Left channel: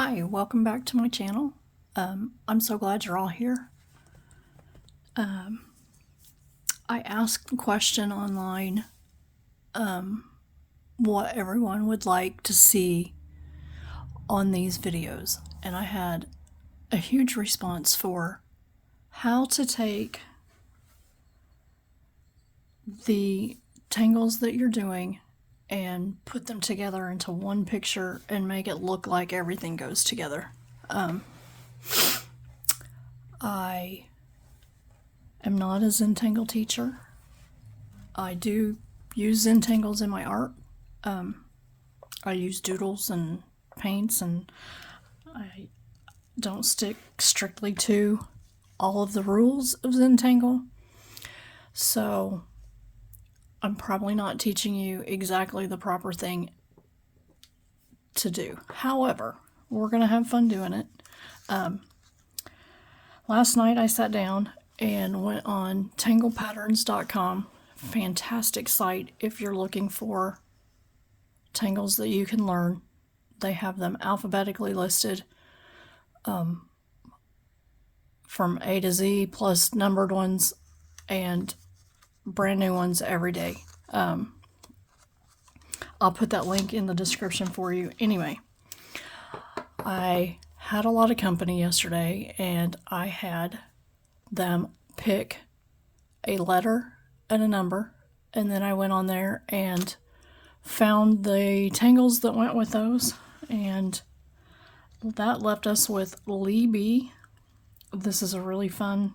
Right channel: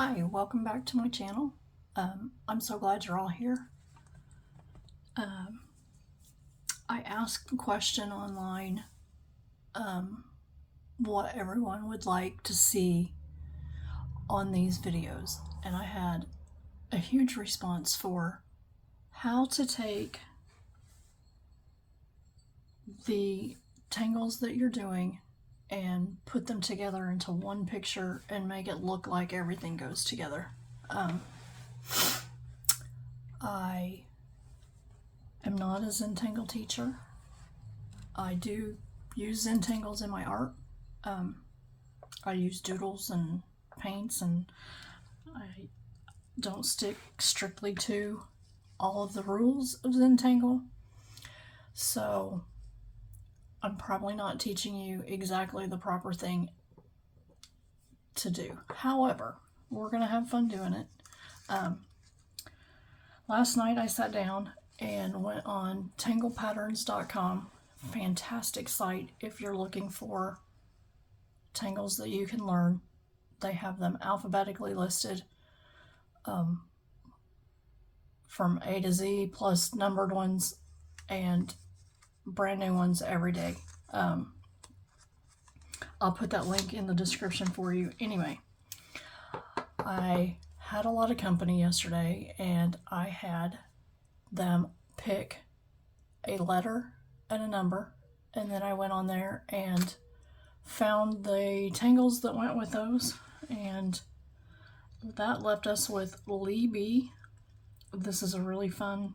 Hi, welcome back to my channel. I'm so glad you're all here. I asked a question online what everyone would like to see on these videos, and I had a huge response for how to take the tangles that you're doing and put them together into one picture and make it look like everything goes together. I am not a Zentangle teacher. I do use Zentangles in my art. I use doodles and paints, and I don't stick strictly to all of the rules of Zentangle. So I'm probably not teaching you exactly the proper thing to do. However, we're going to have fun doing it. Last night I sat down and went on tanglepatterns.com. Fantastic site if you're looking for tangles that you can learn. They have them alphabetically listed from A to Z, plus numbered ones and brand new ones every day. I'll put that link in the description for you. Anyway, I had a lot of company yesterday, and I had them pick a letter and a number, and then I went on there and found the tangles that went with those, and that left us with Lee B. This is a really fun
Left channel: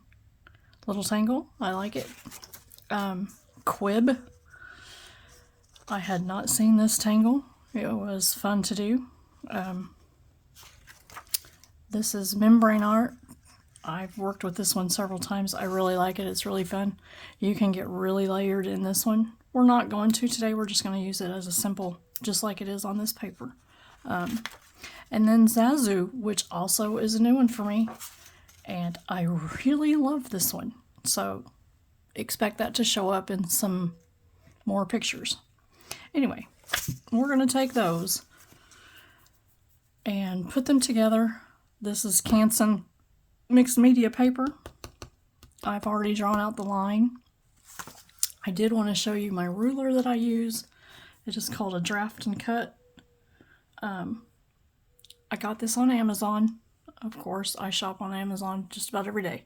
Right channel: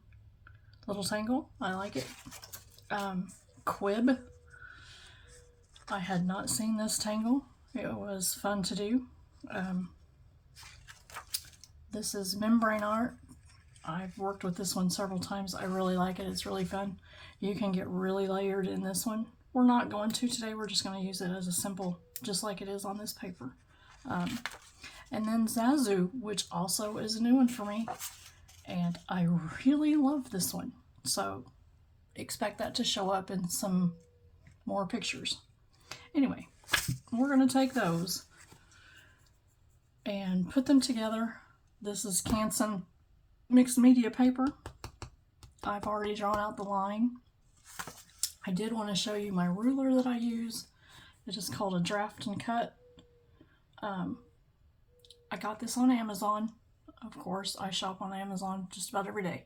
little tangle. I like it. Quib. I had not seen this tangle. It was fun to do. This is Membranart. I've worked with this one several times. I really like it. It's really fun. You can get really layered in this one. We're not going to today. We're just going to use it as a simple, just like it is on this paper. And then ZaZu, which also is a new one for me. And I really love this one. So expect that to show up in some more pictures. Anyway, we're going to take those and put them together. This is Canson mixed media paper. I've already drawn out the line. I did want to show you my ruler that I use. It is called a draft and cut. I got this on Amazon. Of course, I shop on Amazon just about every day.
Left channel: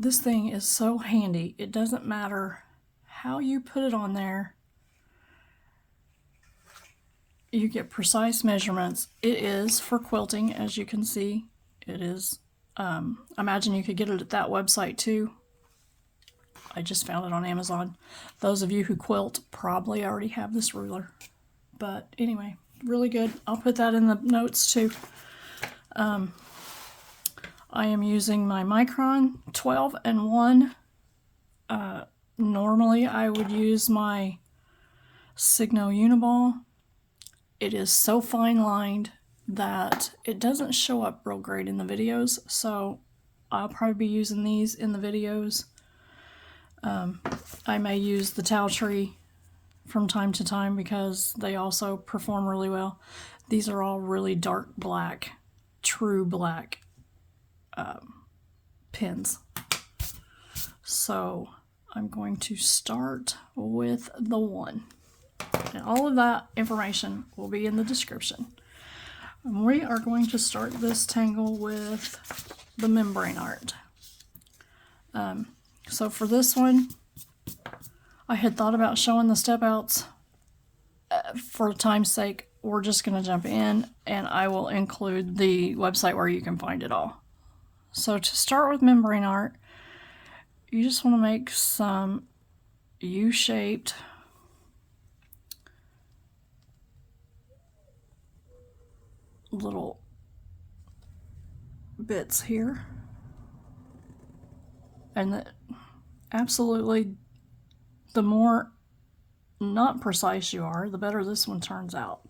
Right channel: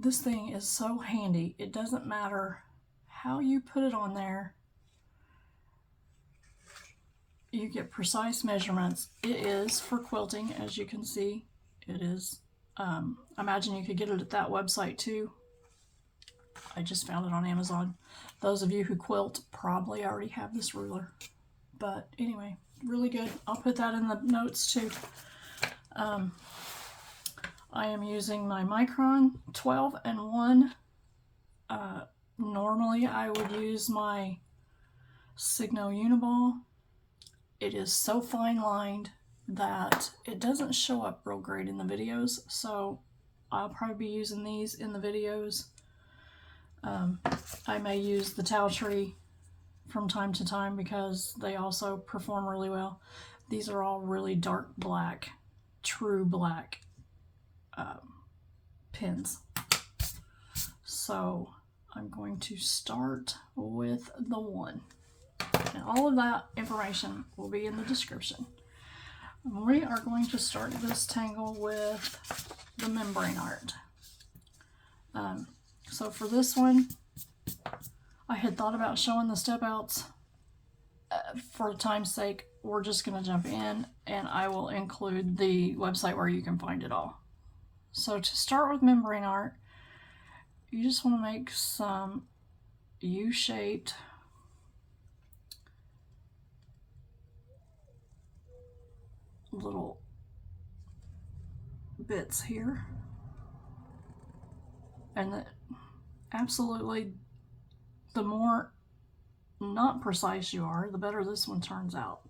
This thing is so handy. It doesn't matter how you put it on there. You get precise measurements. It is for quilting, as you can see. It is. Imagine you could get it at that website too. I just found it on Amazon. Those of you who quilt probably already have this ruler. But anyway, really good. I'll put that in the notes too. I am using my micron 12 and 1. Normally I would use my Signo Uniball. It is so fine lined that it doesn't show up real great in the videos, so I'll probably be using these in the videos. I may use the Towel Tree from time to time because they also perform really well. These are all really dark black, true black pins. So I'm going to start with the 1. And all of that information will be in the description. And we are going to start this tangle with the Membranart. So for this one, I had thought about showing the step outs. For time's sake, we're just going to jump in, and I will include the website where you can find it all. So to start with Membranart, you just want to make some U-shaped little bits here, and absolutely the more not precise you are, the better this one turns out.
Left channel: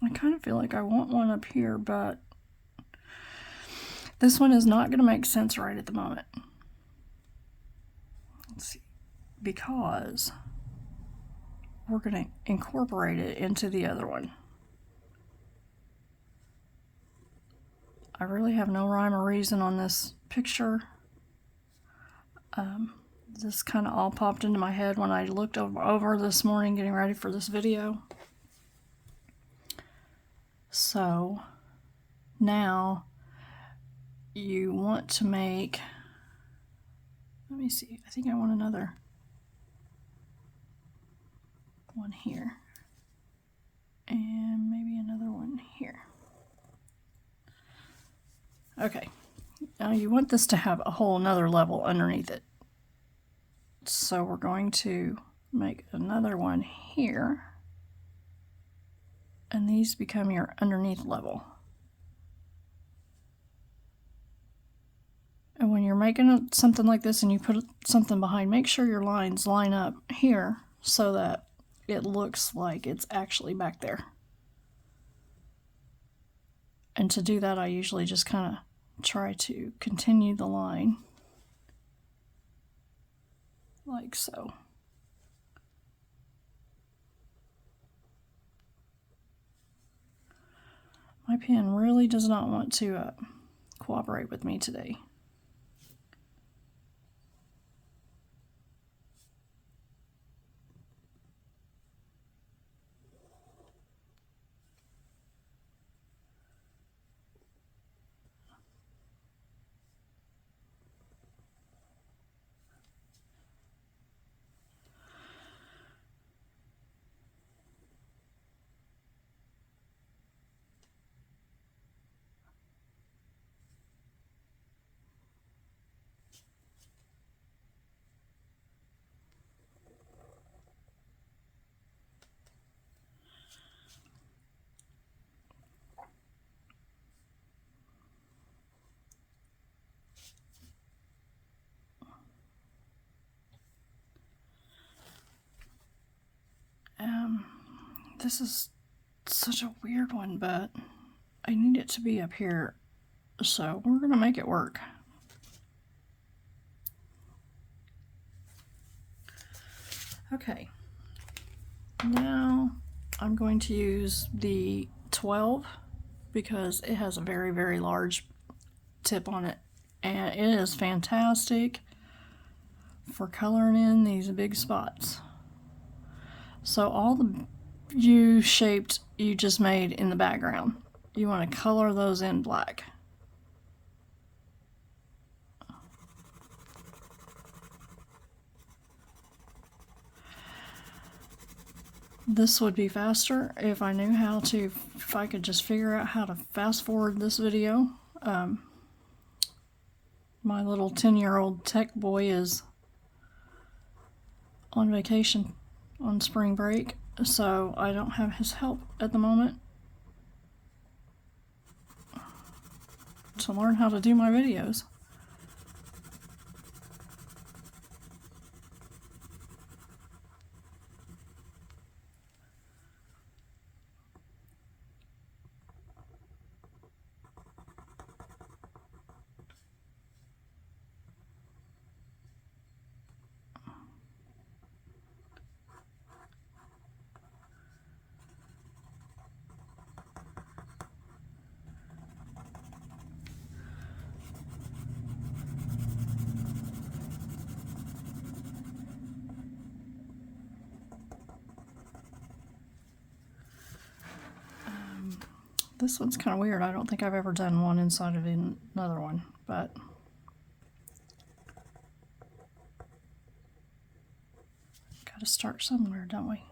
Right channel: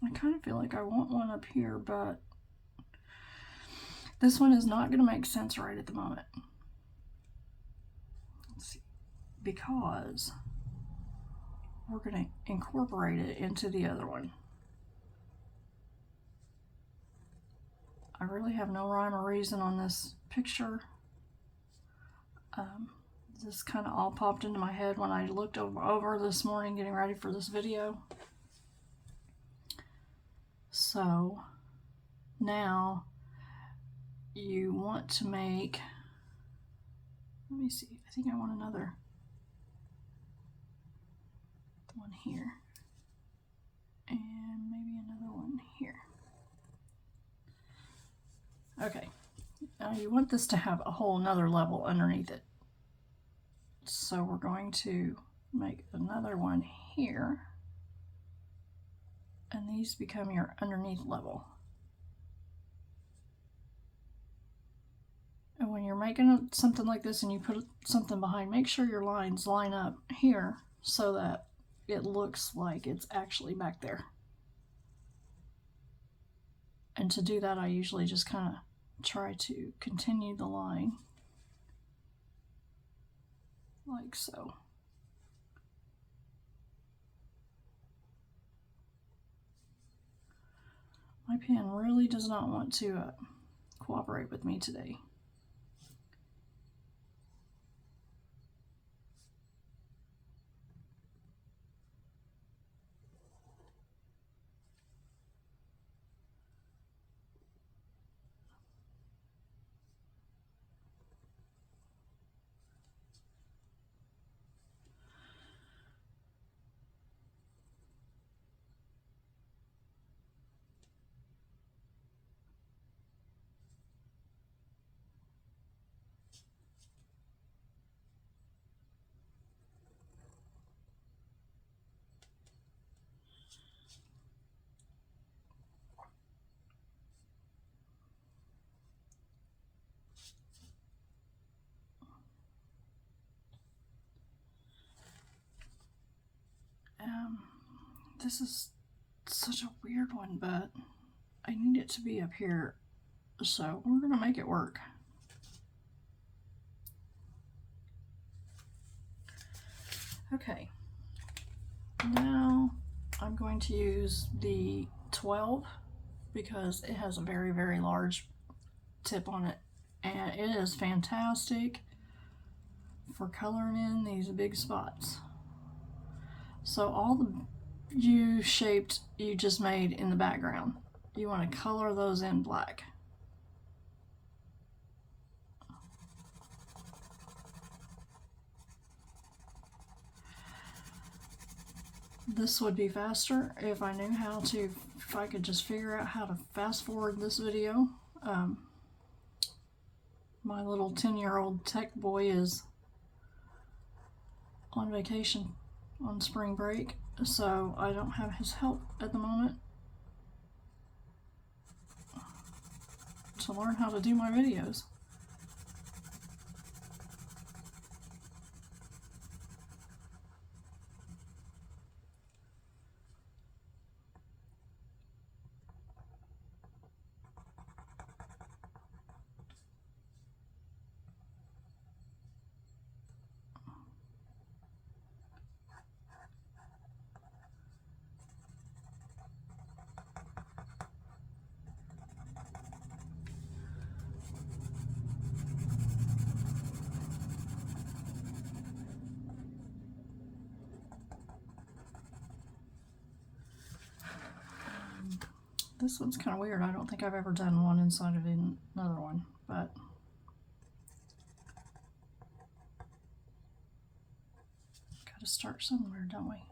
I kind of feel like I want one up here, but This one is not going to make sense right at the moment. Let's see, because we're going to incorporate it into the other one. I really have no rhyme or reason on this picture. This kind of all popped into my head when I looked over this morning getting ready for this video. So now you want to make, let me see, I think I want another one here and maybe another one here. Okay, now you want this to have a whole nother level underneath it. So we're going to make another one here, and these become your underneath level. And when you're making something like this and you put something behind, make sure your lines line up here so that it looks like it's actually back there. And to do that, I usually just kind of try to continue the line like so. My pen really does not want to cooperate with me today. This is such a weird one, but I need it to be up here, so we're going to make it work. Okay, now I'm going to use the 12 because it has a very, very large tip on it, and it is fantastic for coloring in these big spots. So all the U-shaped you just made in the background, you want to color those in black. This would be faster if I knew how to, if I could just figure out how to fast forward this video. My little 10-year-old tech boy is on vacation on spring break, so I don't have his help at the moment to learn how to do my videos. This one's kind of weird. I don't think I've ever done one inside of another one, but gotta start somewhere, don't we?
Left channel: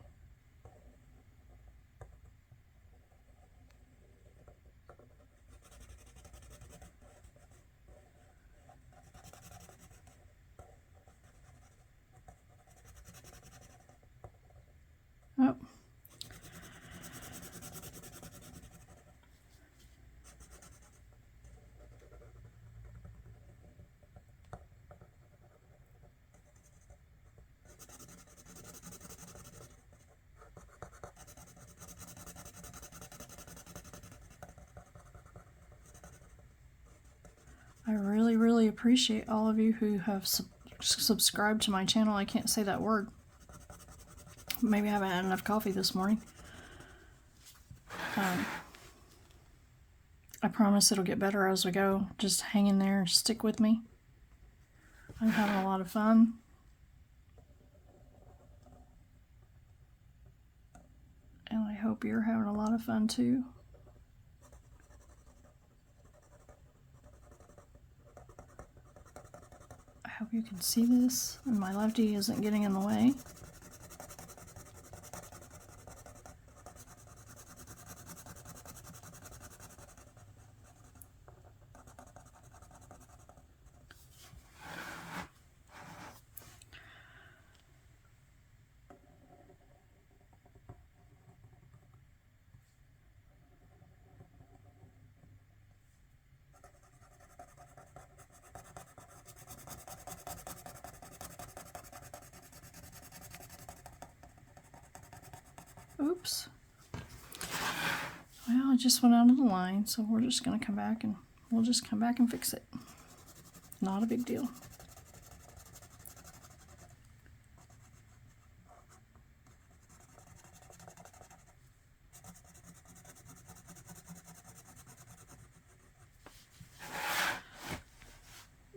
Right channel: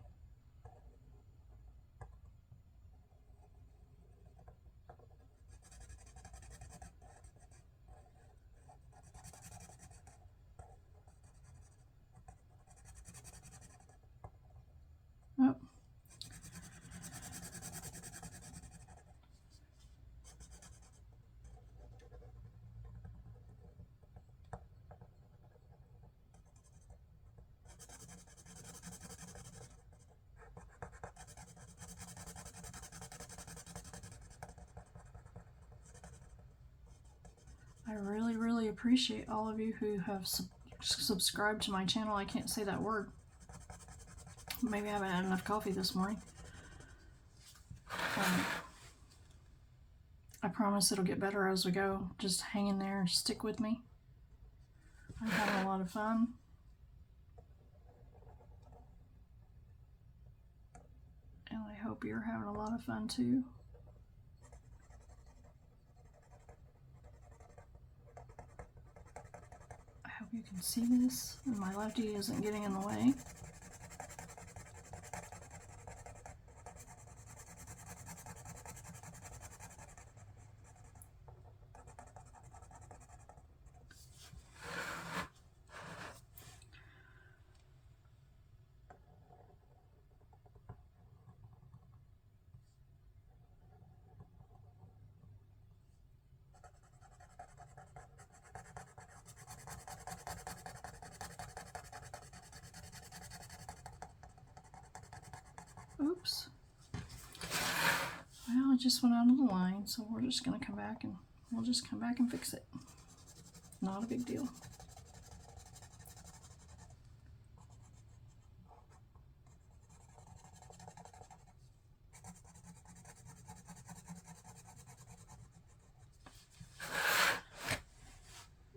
Oh. appreciate all of you who have subscribed to my channel. I can't say that word. Maybe I haven't had enough coffee this morning. I promise it'll get better as we go. Just hang in there, stick with me. I'm having a lot of fun. And I hope you're having a lot of fun too. I hope you can see this and my lefty isn't getting in the way. Oops. Well, I just went out of the line, so we're just going to come back and we'll just come back and fix it. Not a big deal.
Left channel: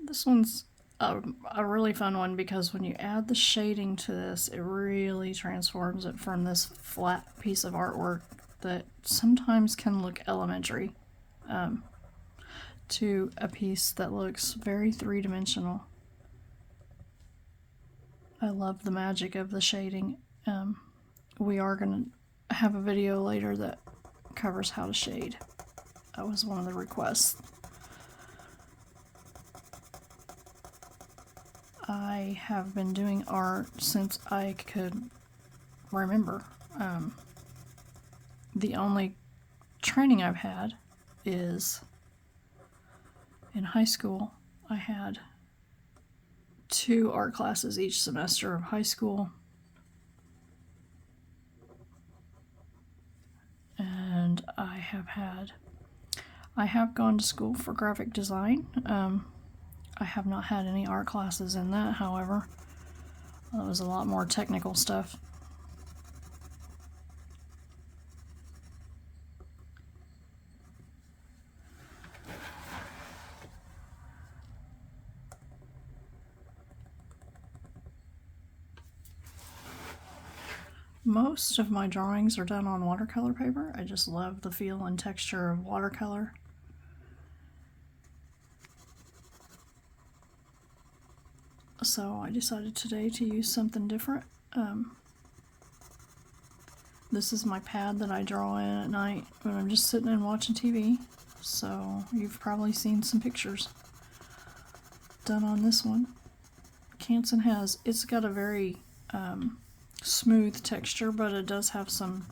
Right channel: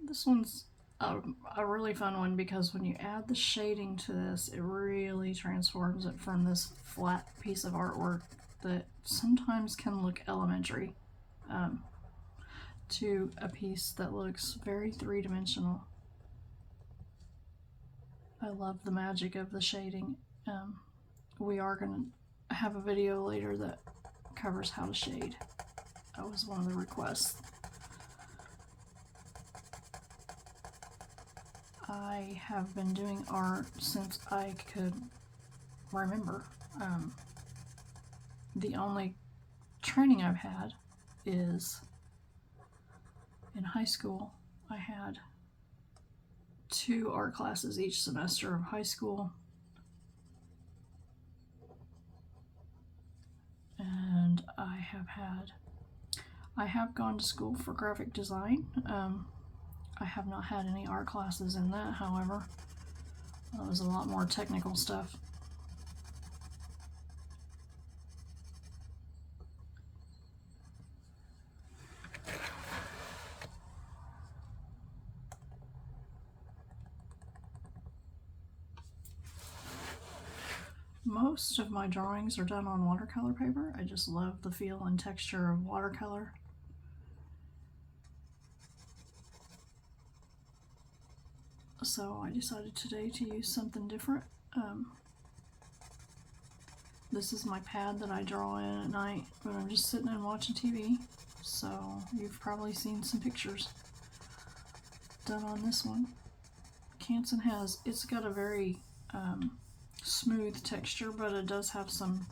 This one's a really fun one because when you add the shading to this, it really transforms it from this flat piece of artwork that sometimes can look elementary to a piece that looks very three-dimensional. I love the magic of the shading. We are going to have a video later that covers how to shade. That was one of the requests. I have been doing art since I could remember. The only training I've had is in high school. I had 2 art classes each semester of high school. And I have gone to school for graphic design. I have not had any art classes in that, however. That was a lot more technical stuff. Most of my drawings are done on watercolor paper. I just love the feel and texture of watercolor. So I decided today to use something different. This is my pad that I draw in at night when I'm just sitting and watching TV. So you've probably seen some pictures done on this one. Canson it's got a very smooth texture, but it does have some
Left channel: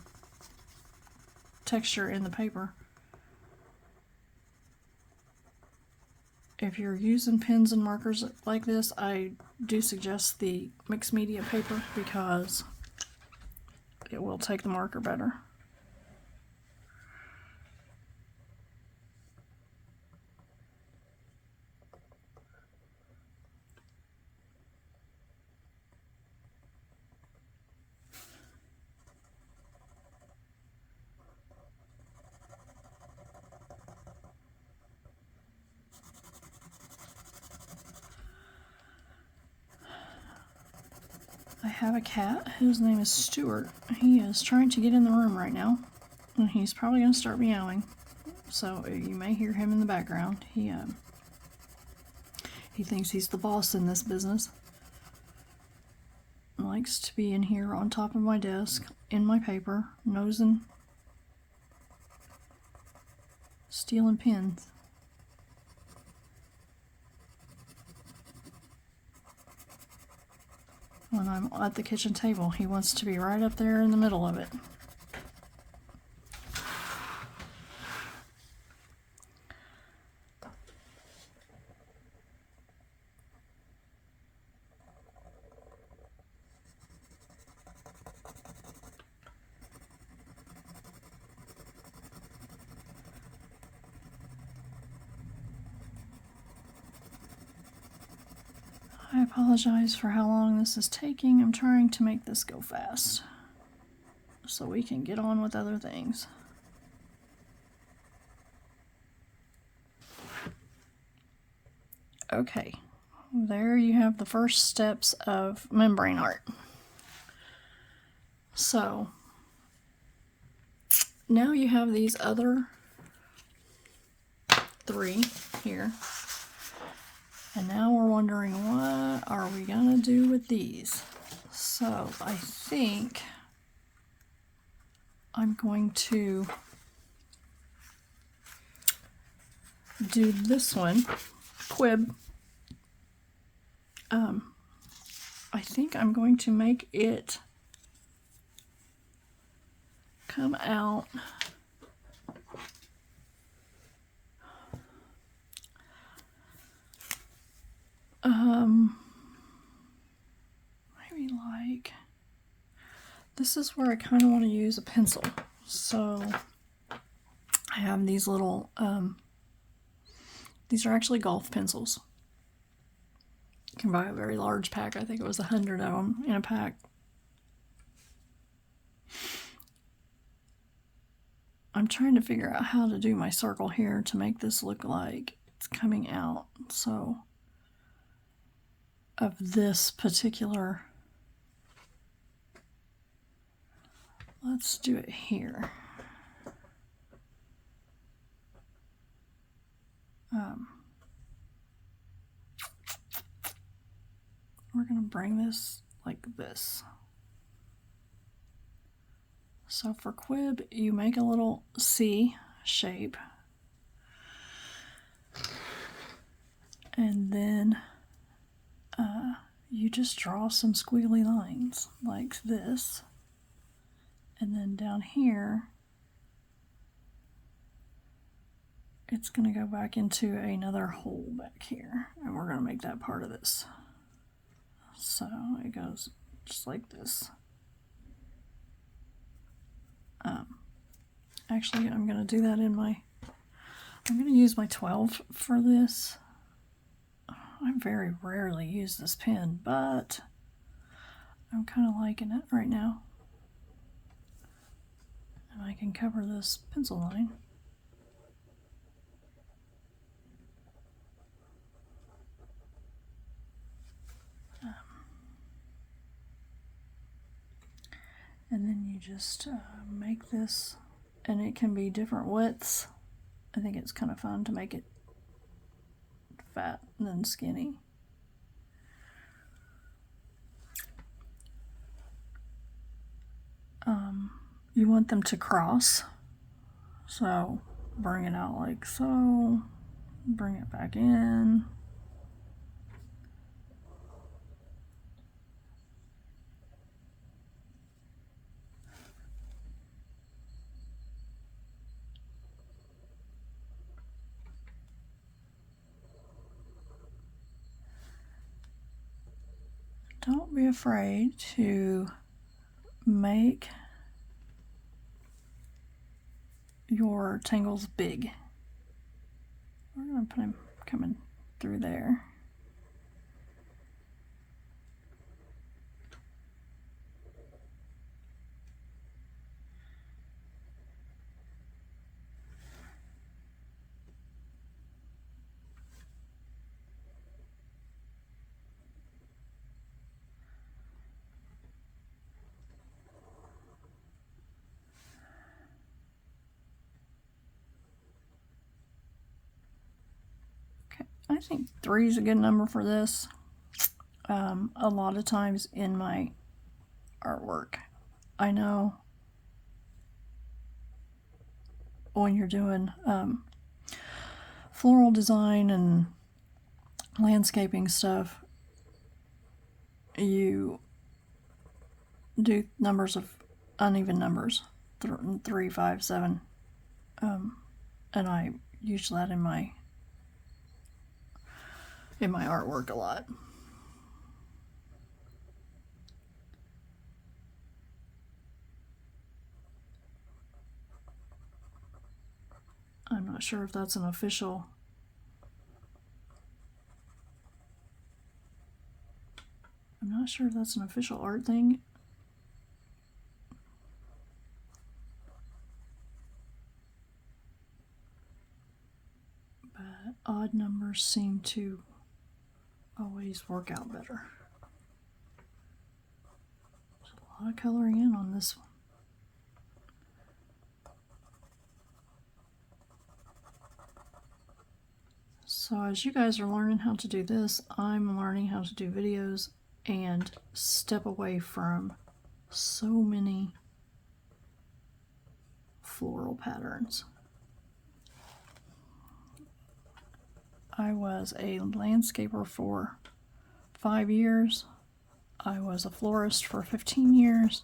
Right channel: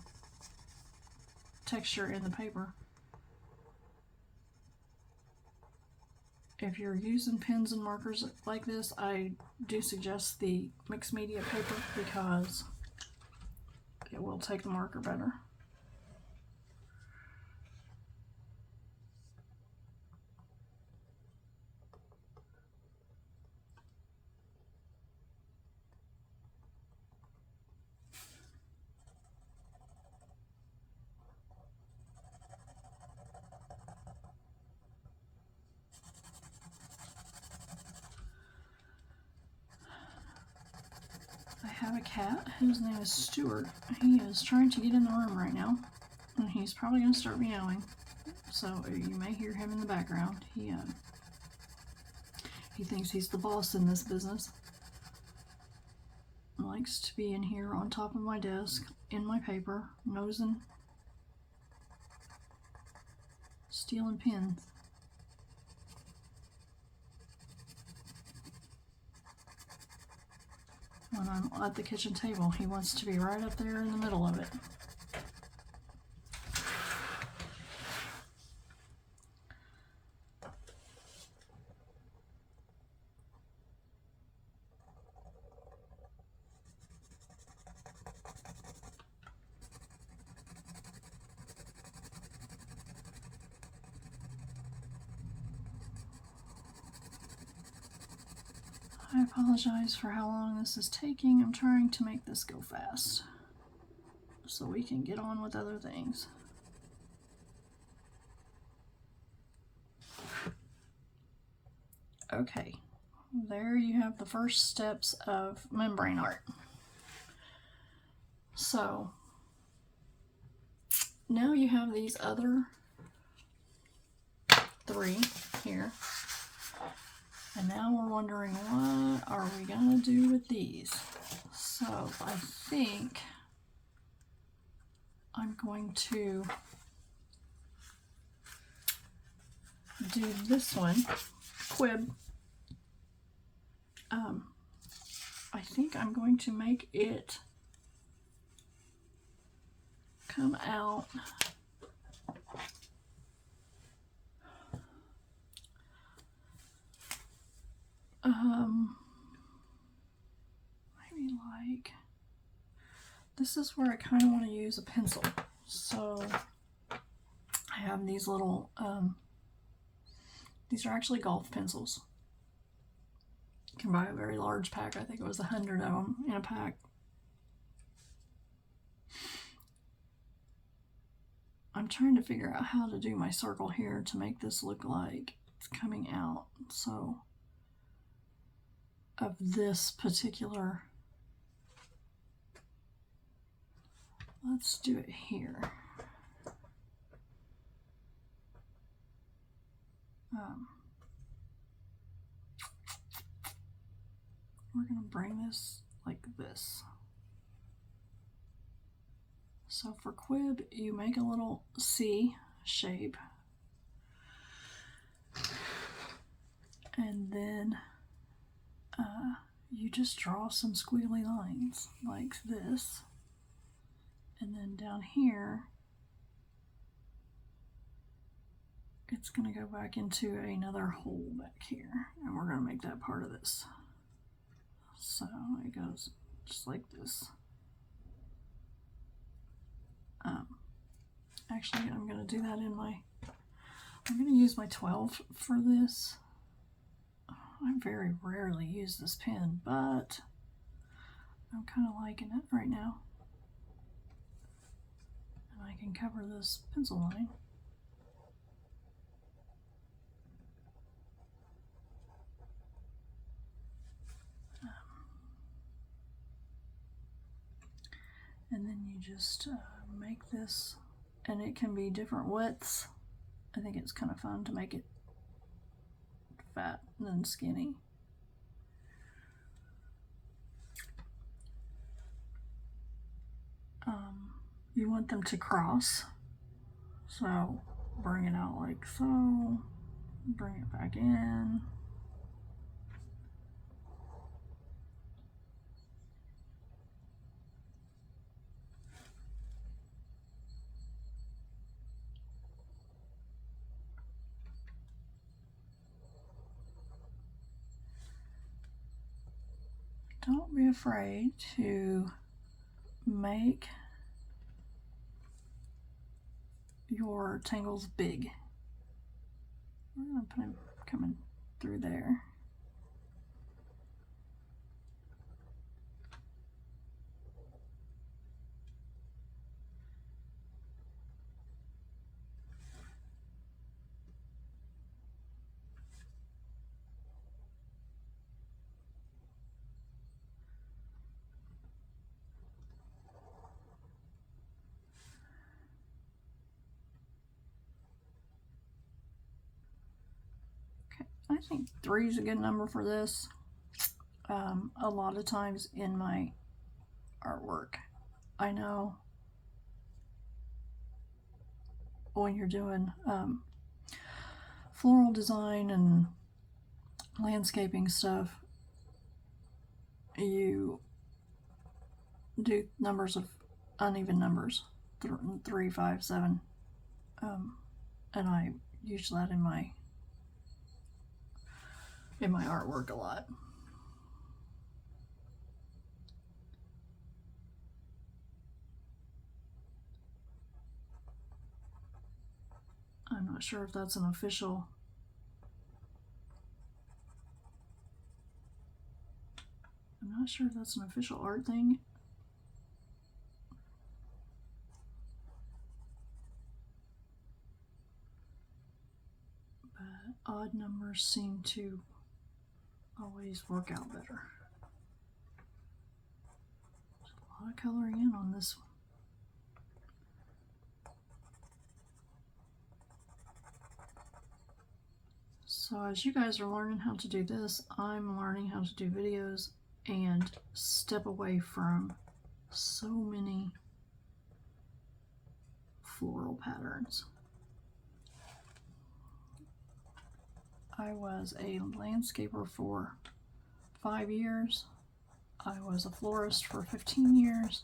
texture in the paper. If you're using pens and markers like this, I do suggest the mixed media paper because it will take the marker better. I have a cat whose name is Stuart. He is trying to get in the room right now, and he's probably going to start meowing, so you may hear him in the background. He thinks he's the boss in this business. He likes to be in here on top of my desk, in my paper, nosing, stealing pens. When I'm at the kitchen table, he wants to be right up there in the middle of it. I apologize for how long this is taking. I'm trying to make this go fast so we can get on with other things. Okay, there you have the first steps of Membranart. So now you have these other 3 here. And now we're wondering, what are we gonna do with these? So I think I'm going to do this one, Quib. I think I'm going to make it come out maybe like, this is where I kind of want to use a pencil. So I have these little, these are actually golf pencils. You can buy a very large pack. I think it was 100 of them in a pack. I'm trying to figure out how to do my circle here to make this look like it's coming out. So of this particular, let's do it here. We're going to bring this like this. So for Quib, you make a little C shape. And then you just draw some squiggly lines like this. And then down here, it's going to go back into another hole back here. And we're going to make that part of this. So it goes just like this. Actually, I'm going to do that in my, I'm going to use my 12 for this. I very rarely use this pen, but I'm kind of liking it right now. And I can cover this pencil line. And then you just make this, and it can be different widths. I think it's kind of fun to make it fat and then skinny. You want them to cross, so bring it out like so, bring it back in. Don't be afraid to make your tangles big. We're going to put them coming through there. I think 3 is a good number for this. A lot of times in my artwork, I know when you're doing floral design and landscaping stuff, you do numbers of uneven numbers, 3, 5, 7, and I use that in my artwork a lot. I'm not sure if that's an official not sure if that's an official art thing. But odd numbers seem to always work out better. There's a lot of coloring in on this one. So as you guys are learning how to do this, I'm learning how to do videos and step away from so many floral patterns. I was a landscaper for 5 years. I was a florist for 15 years.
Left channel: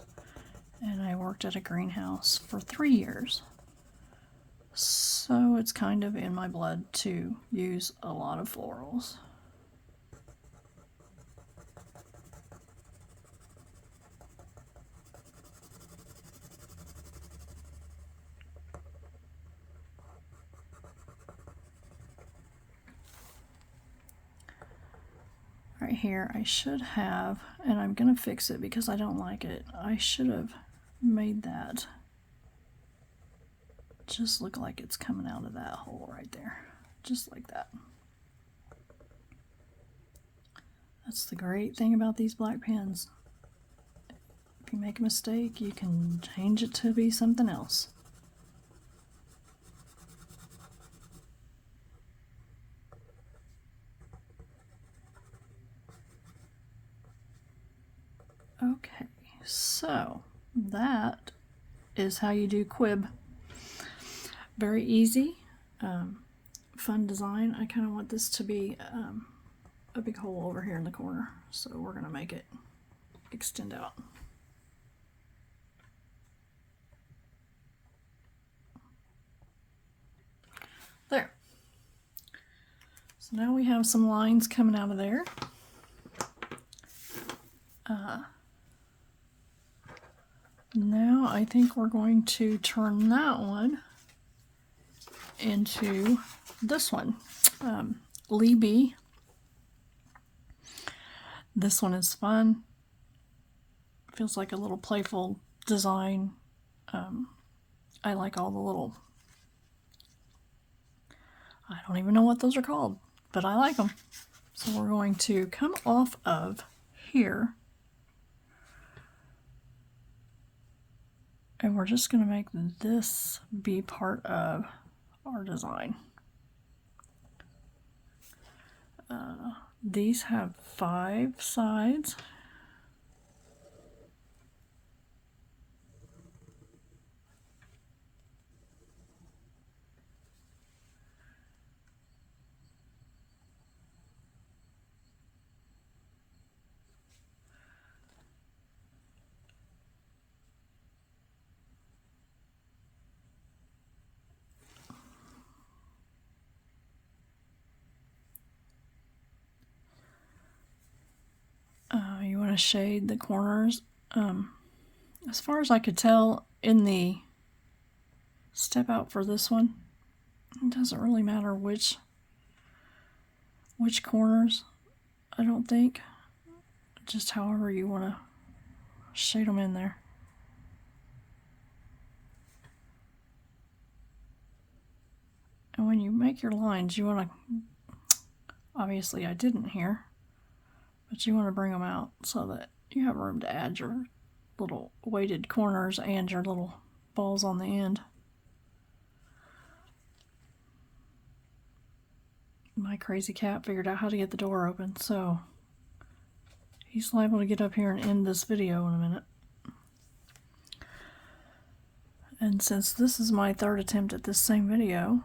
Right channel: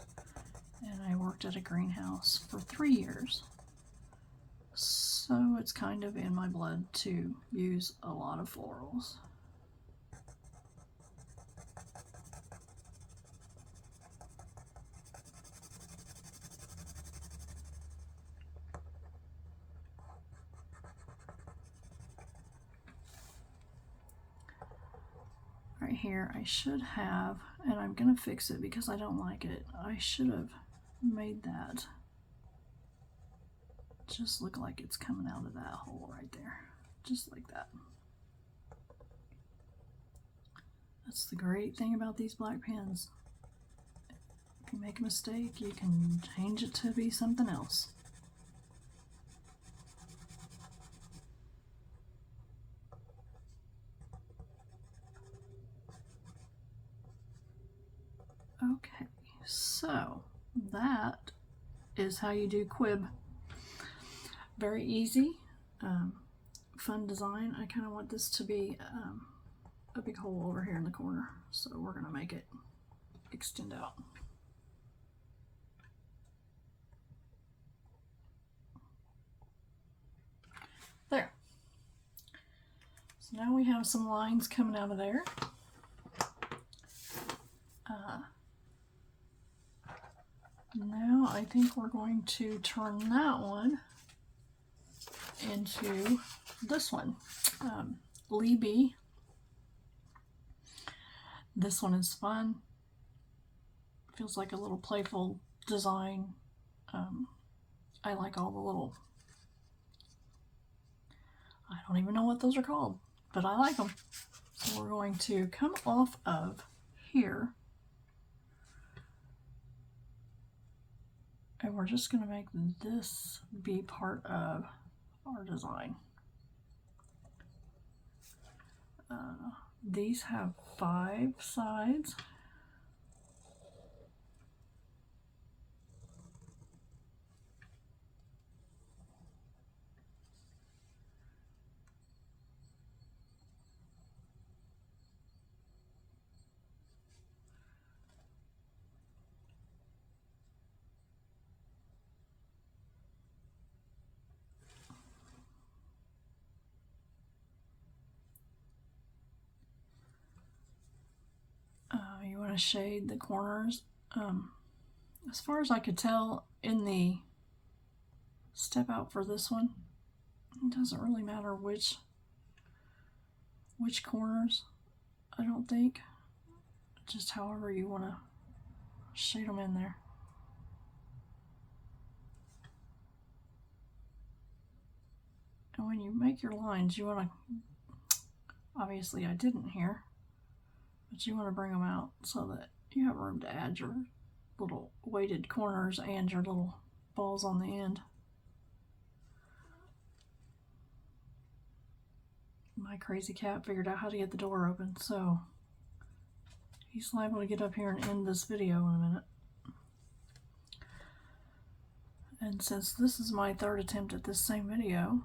And I worked at a greenhouse for 3 years. So it's kind of in my blood to use a lot of florals. Right here, I should have, and I'm going to fix it because I don't like it, I should have made that just look like it's coming out of that hole right there, just like that. That's the great thing about these black pens. If you make a mistake, you can change it to be something else. Okay, so that is how you do Quib. Very easy, fun design. I kind of want this to be a big hole over here in the corner, so we're going to make it extend out. There. So now we have some lines coming out of there. Now I think we're going to turn that one into this one, Lee B. This one is fun. Feels like a little playful design. I like all the little, I don't even know what those are called, but I like them. So we're going to come off of here. And we're just going to make this be part of our design. These have 5 sides. You want to shade the corners. As far as I could tell in the step out for this one, it doesn't really matter which corners, I don't think. Just however you want to shade them in there. And when you make your lines, you want to, obviously I didn't here, but you want to bring them out so that you have room to add your little weighted corners and your little balls on the end. My crazy cat figured out how to get the door open, so he's liable to get up here and end this video in a minute. And since this is my 3rd attempt at this same video,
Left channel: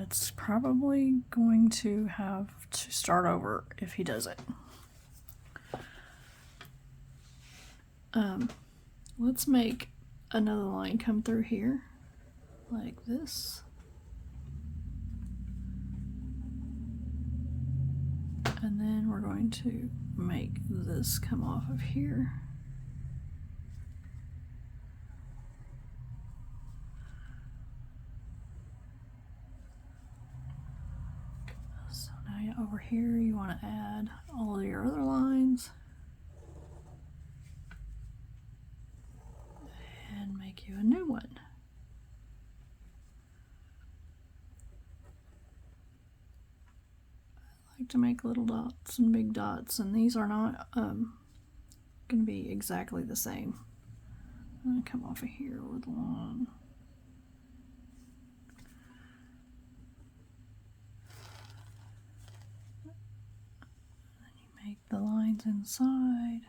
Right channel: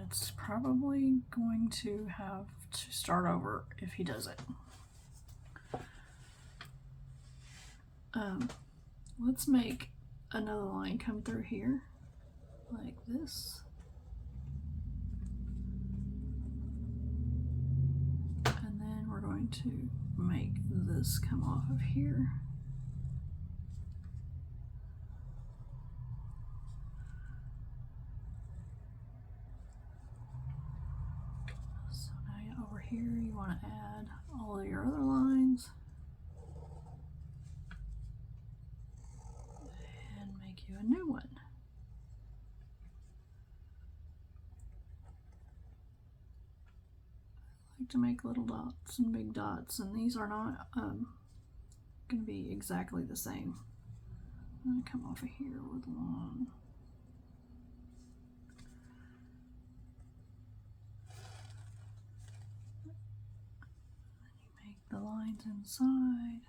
it's probably going to have to start over if he does it. Let's make another line come through here like this. And then we're going to make this come off of here. So now over here you want to add all of your other lines and make you a new one. I like to make little dots and big dots, and these are not going to be exactly the same. I'm going to come off of here with one. Then you make the lines inside.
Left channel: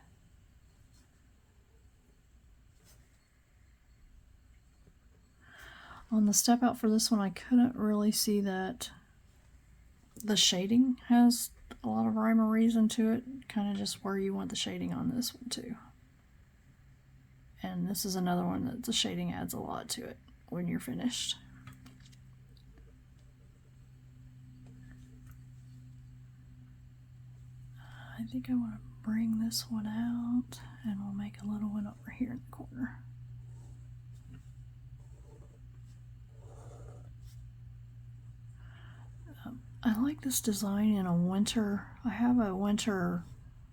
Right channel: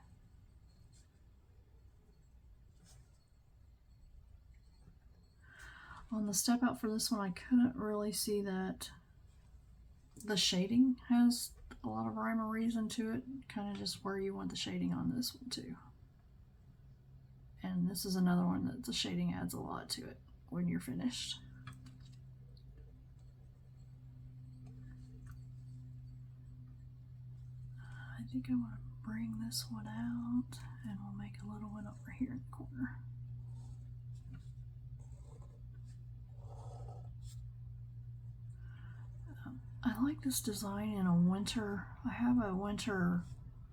On the step out for this one, I couldn't really see that the shading has a lot of rhyme or reason to it, kind of just where you want the shading on this one too. And this is another one that the shading adds a lot to it when you're finished. I think I want to bring this one out, and we'll make a little one over here in the corner. I like this design in a winter. I have a winter,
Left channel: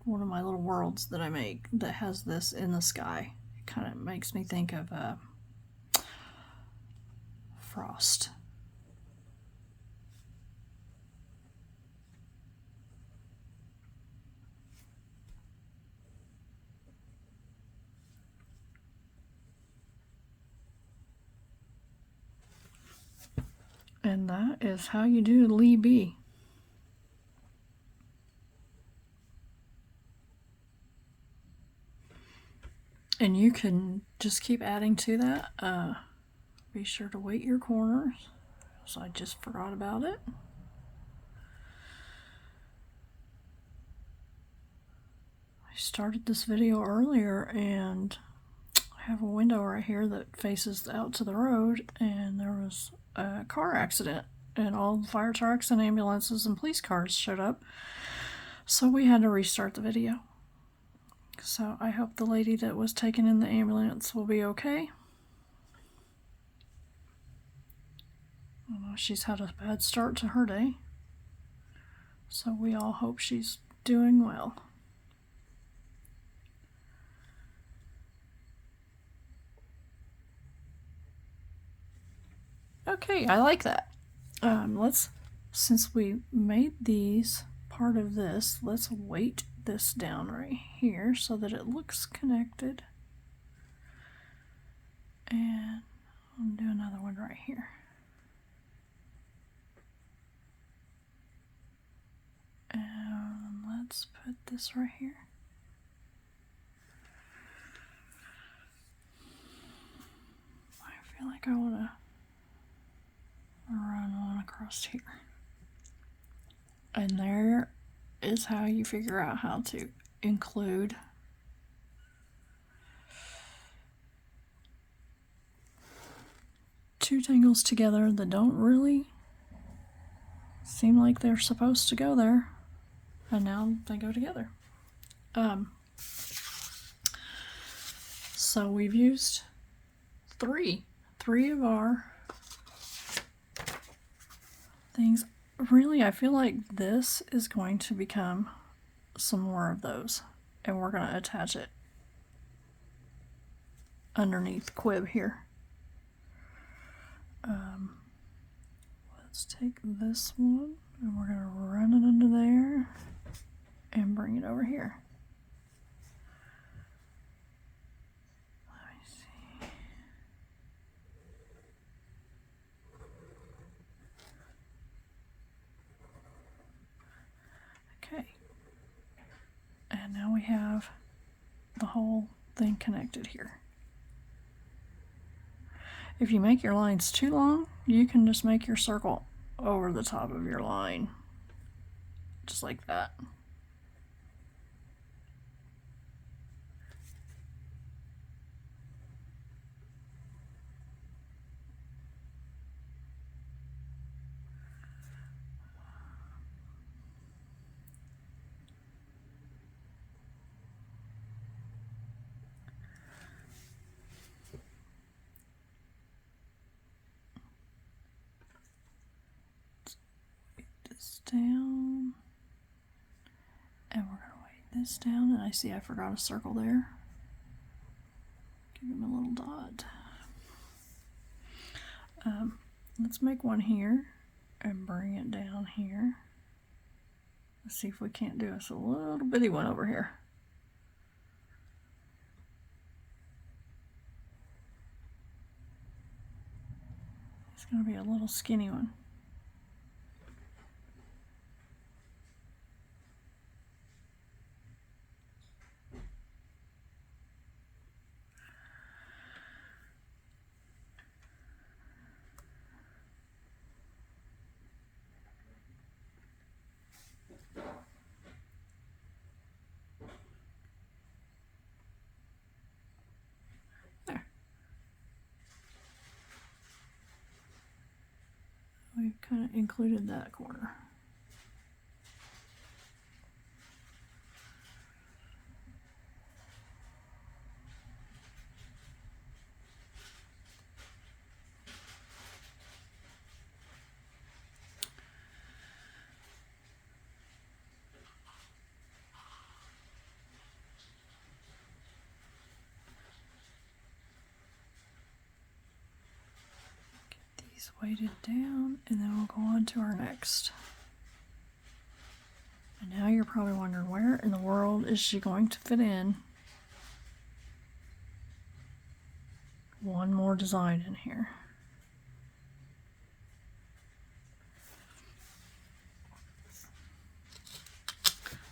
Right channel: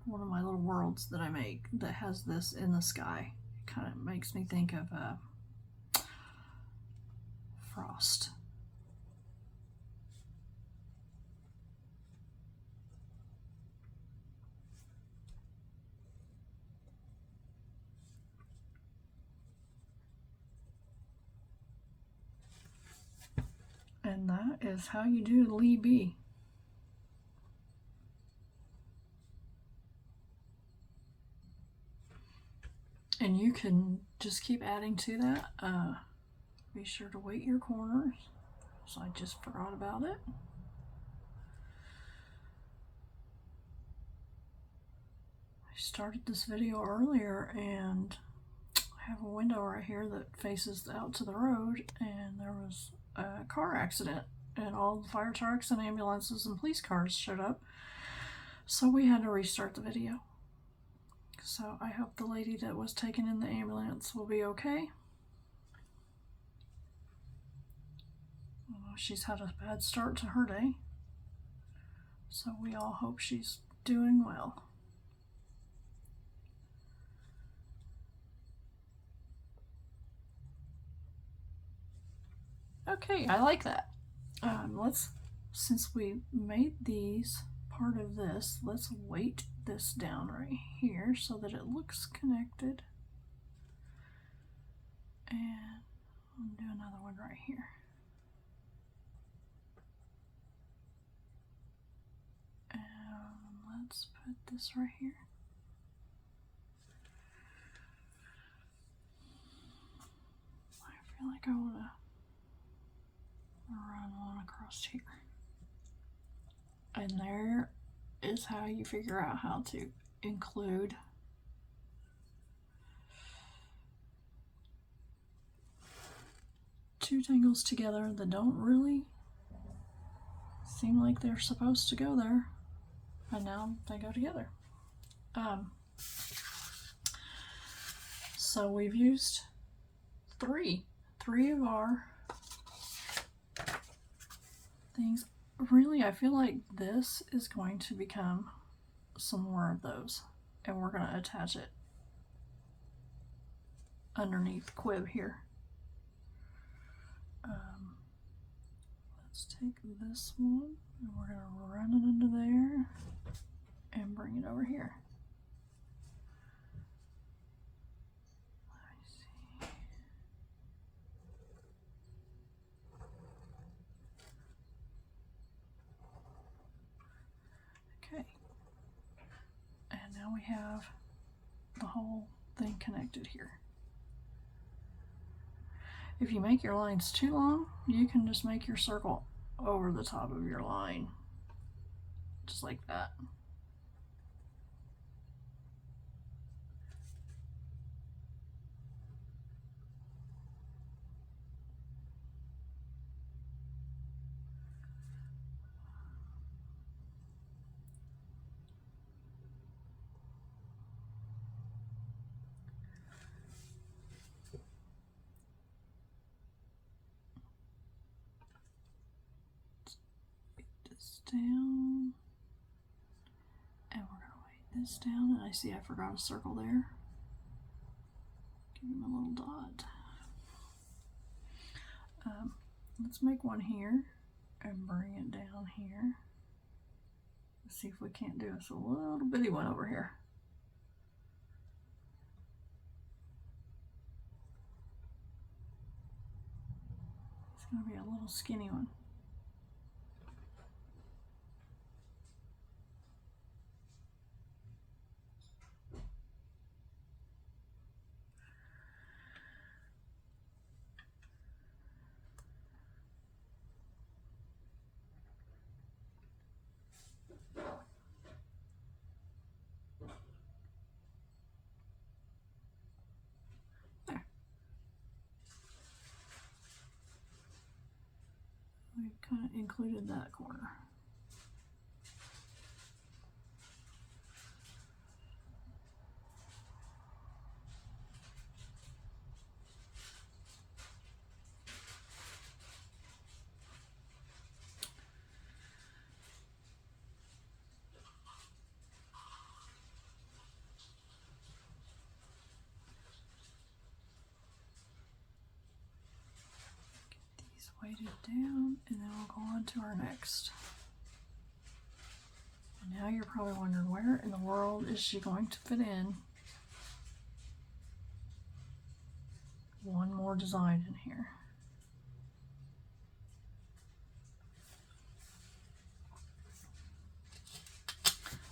one of my little worlds that I make that has this in the sky. It kind of makes me think of frost. And that is how you do Lee B. And you can just keep adding to that. Be sure to weight your corners. So I just forgot about it. I started this video earlier, and I have a window right here that faces out to the road, and there was a car accident, and all the fire trucks and ambulances and police cars showed up, so we had to restart the video. So I hope the lady that was taken in the ambulance will be okay. She's had a bad start to her day, so we all hope she's doing well. Okay, I like that. Since we made these part of this, let's weight this down right here so that it looks connected. And I'll do another one right here. And let's put this right here. I feel like I want to run one across here. And there is how you figure out how to include two tangles together that don't really seem like they're supposed to go there, and now they go together. So we've used three of our things. Really, I feel like this is going to become some more of those, and we're going to attach it underneath Quib here. Let's take this one, and we're going to run it under there and bring it over here. Let me see. Okay. And now we have the whole thing connected here. If you make your lines too long, you can just make your circle over the top of your line, just like that. Down. And we're going to weight this down, and I see I forgot a circle there. Give him a little dot. Let's make one here and bring it down here. Let's see if we can't do us a little bitty one over here. It's going to be a little skinny one. We've kind of included that corner. Weighted down, and then we'll go on to our next. And now you're probably wondering, where in the world is she going to fit in one more design in here?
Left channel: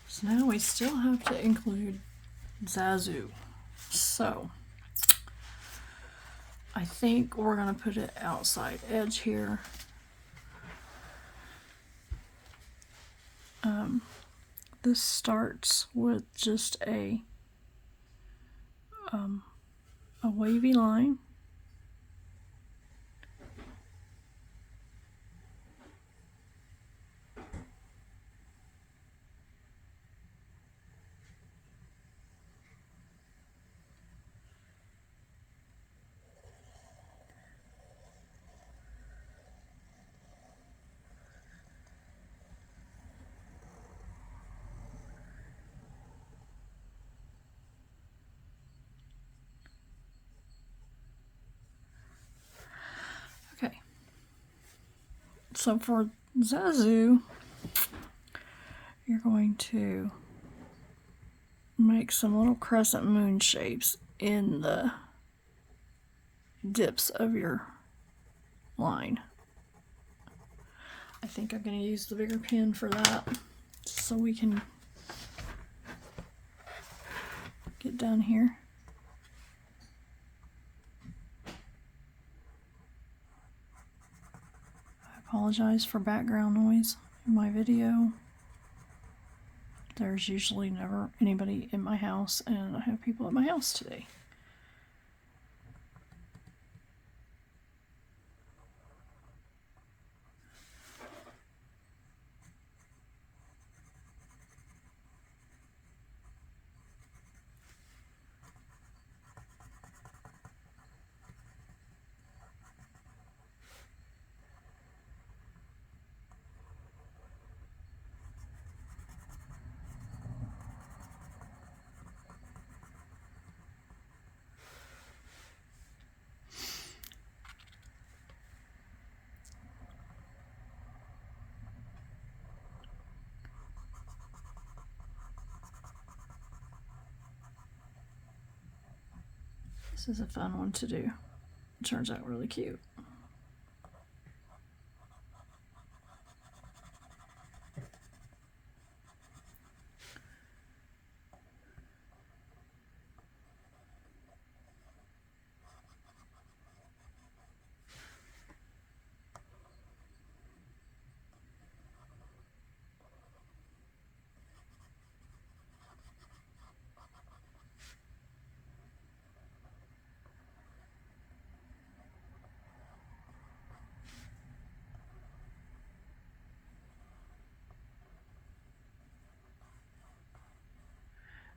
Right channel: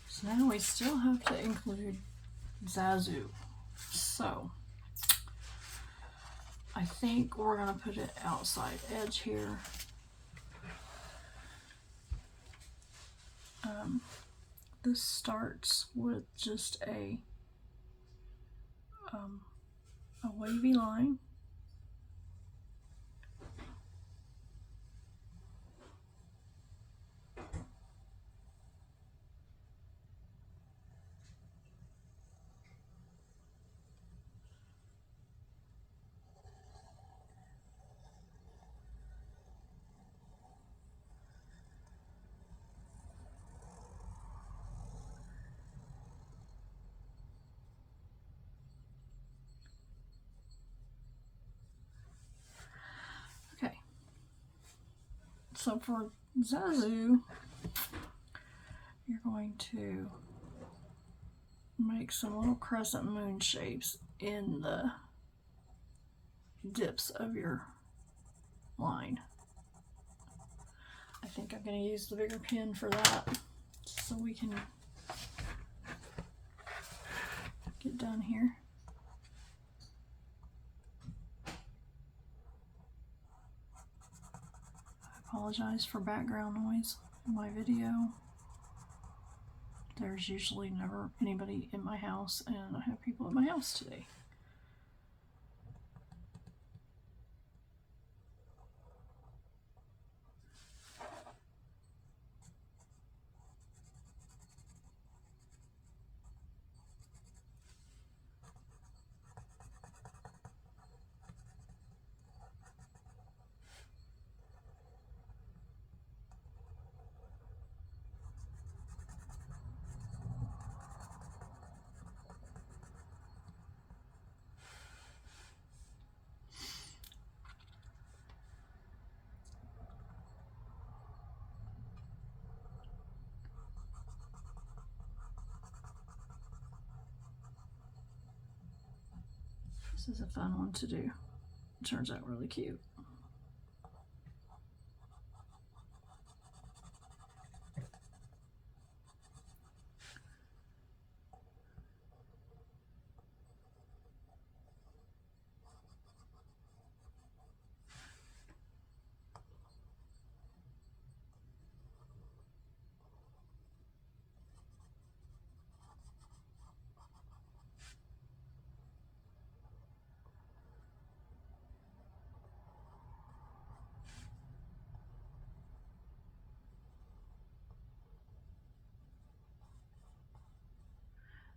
So now we still have to include ZaZu. So I think we're going to put it outside edge here. This starts with just a wavy line. Okay, so for ZaZu, you're going to make some little crescent moon shapes in the dips of your line. I think I'm going to use the bigger pin for that so we can get down here. I apologize for background noise in my video. There's usually never anybody in my house, and I have people at my house today. This is a fun one to do. It turns out really cute.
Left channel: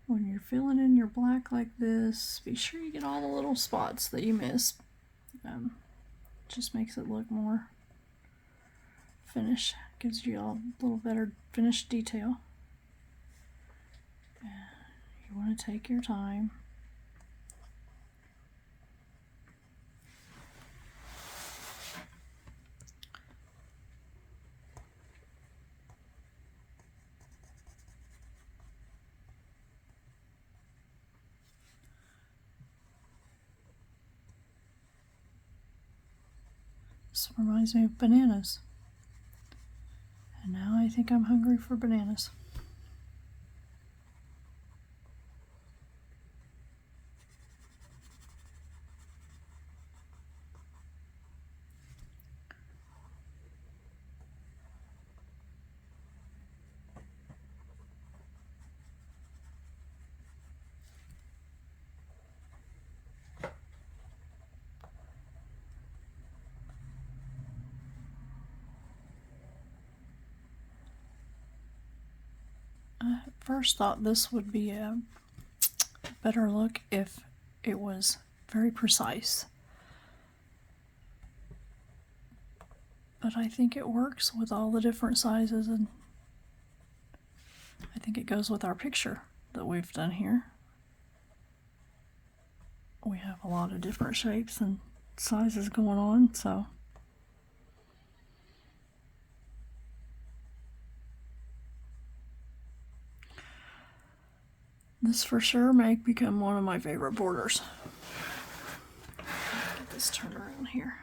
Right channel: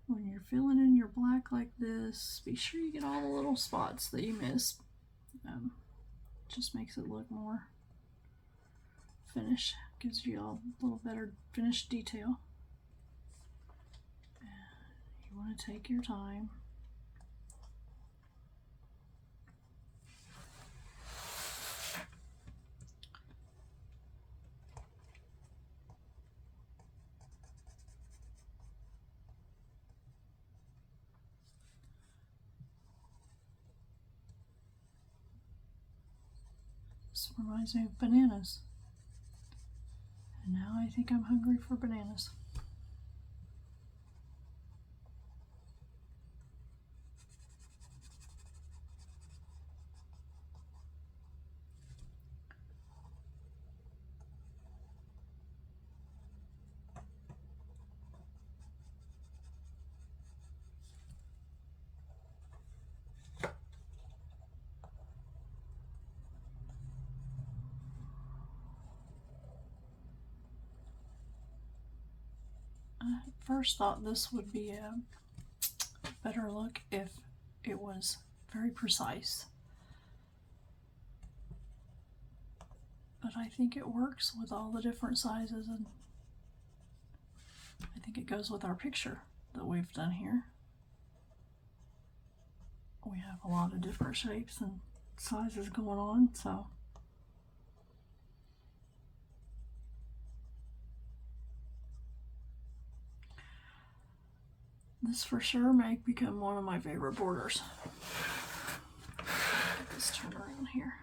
When you're filling in your black like this, be sure you get all the little spots that you missed. Just makes it look more finished. Gives you a little better finished detail. want to take your time. This reminds me of bananas. And now I think I'm hungry for bananas. I first thought this would be a better look if it was very precise. But I think it works with all the different sizes, and I think it goes with our picture that we've done here. We have a lot of different shapes and sizes going on, so this for sure may become one of my favorite borders. Get this turned around here.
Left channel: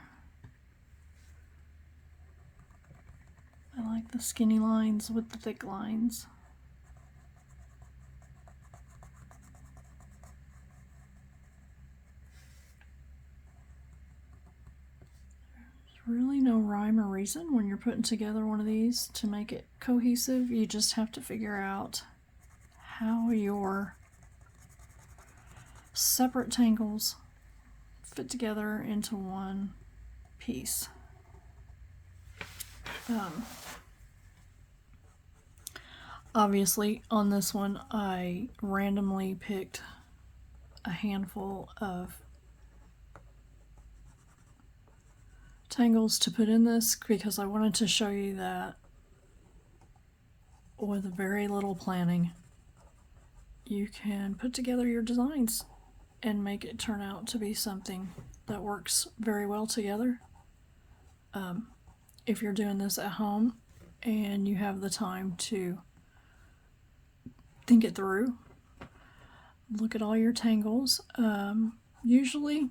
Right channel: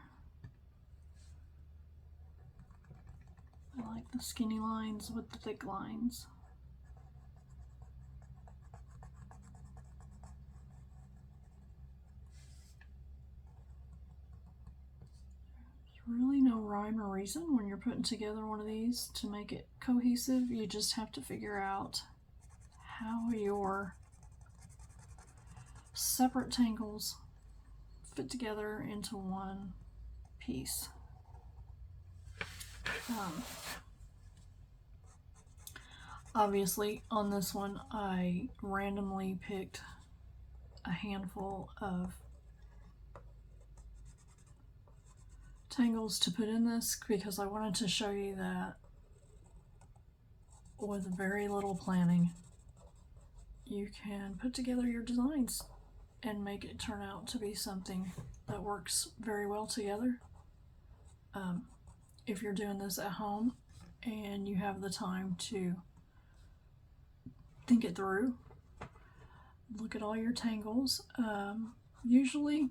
I like the skinny lines with the thick lines. There's really no rhyme or reason when you're putting together one of these to make it cohesive. You just have to figure out how your separate tangles fit together into one piece. Obviously on this one I randomly picked a handful of tangles to put in this because I wanted to show you that with very little planning you can put together your designs and make it turn out to be something that works very well together. If you're doing this at home and you have the time to think it through, look at all your tangles. Usually,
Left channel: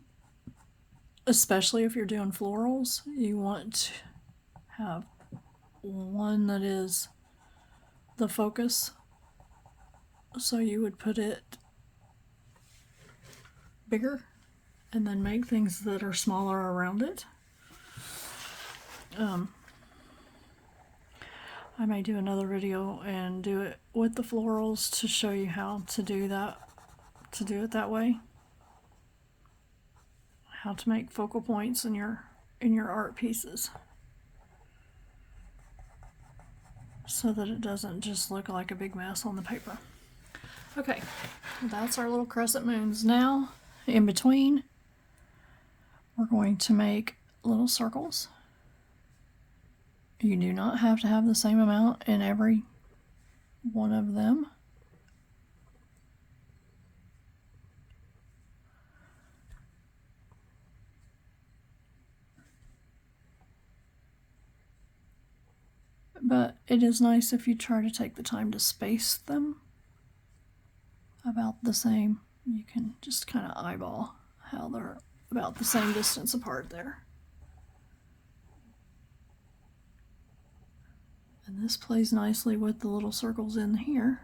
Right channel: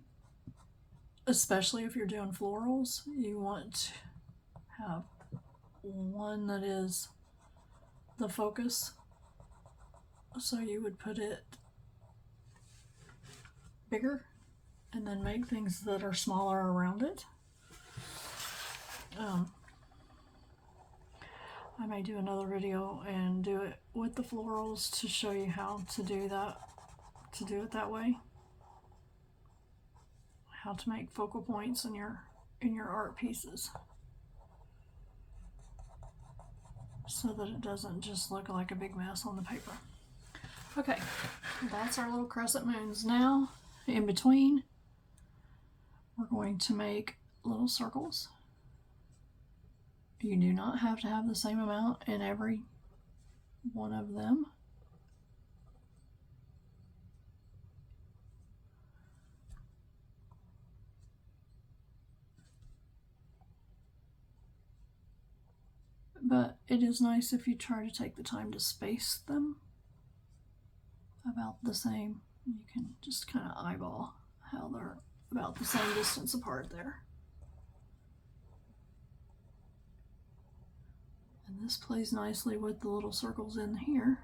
especially if you're doing florals, you want to have one that is the focus. So you would put it bigger and then make things that are smaller around it. I may do another video and do it with the florals to show you how to do that, to do it that way. How to make focal points in your art pieces so that it doesn't just look like a big mess on the paper. Okay, that's our little crescent moons. Now, in between, we're going to make little circles. You do not have to have the same amount in every one of them. But it is nice if you try to take the time to space them about the same. You can just kind of eyeball how they're about the same distance apart there. And this plays nicely with the little circles in here.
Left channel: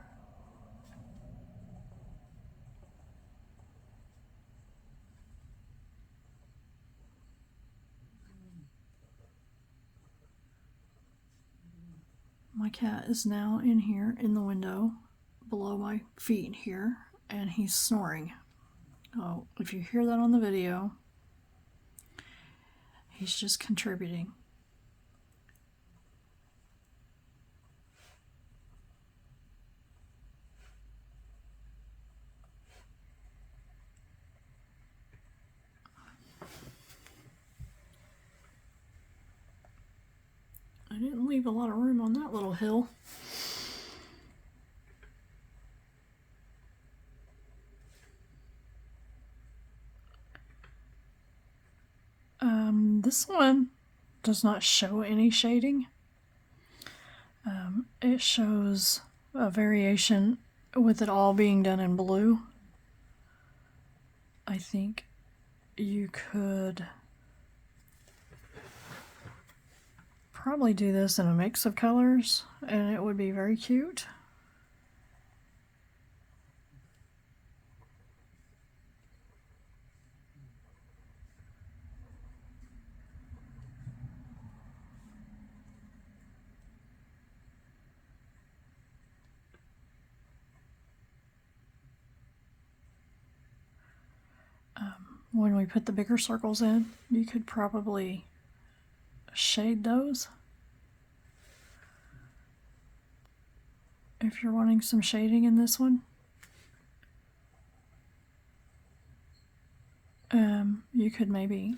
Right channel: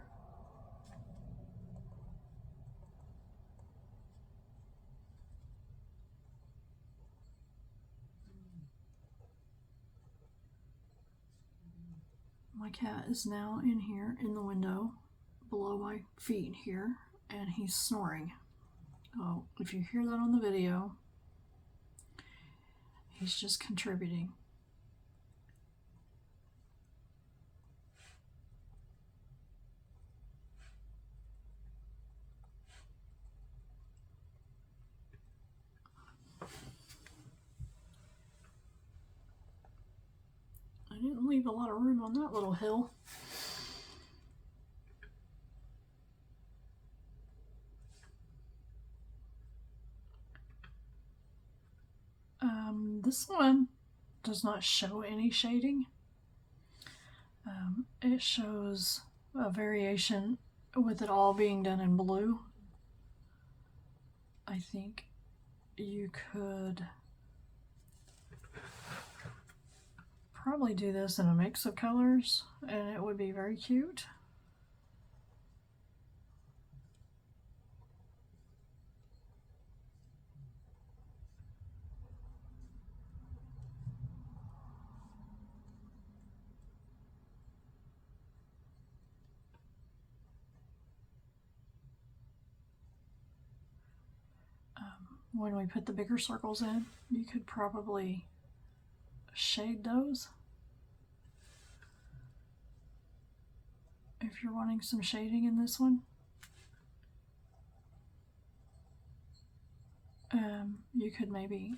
My cat is now in here in the window below my feet here, and he's snoring. Oh, if you hear that on the video, he's just contributing. I didn't leave a lot of room on that little hill. This one does not show any shading. It shows a variation with it all being done in blue. I think you could probably do this in a mix of colors and it would be very cute. When we put the bigger circles in, you could probably shade those if you're wanting some shading in this one. You could maybe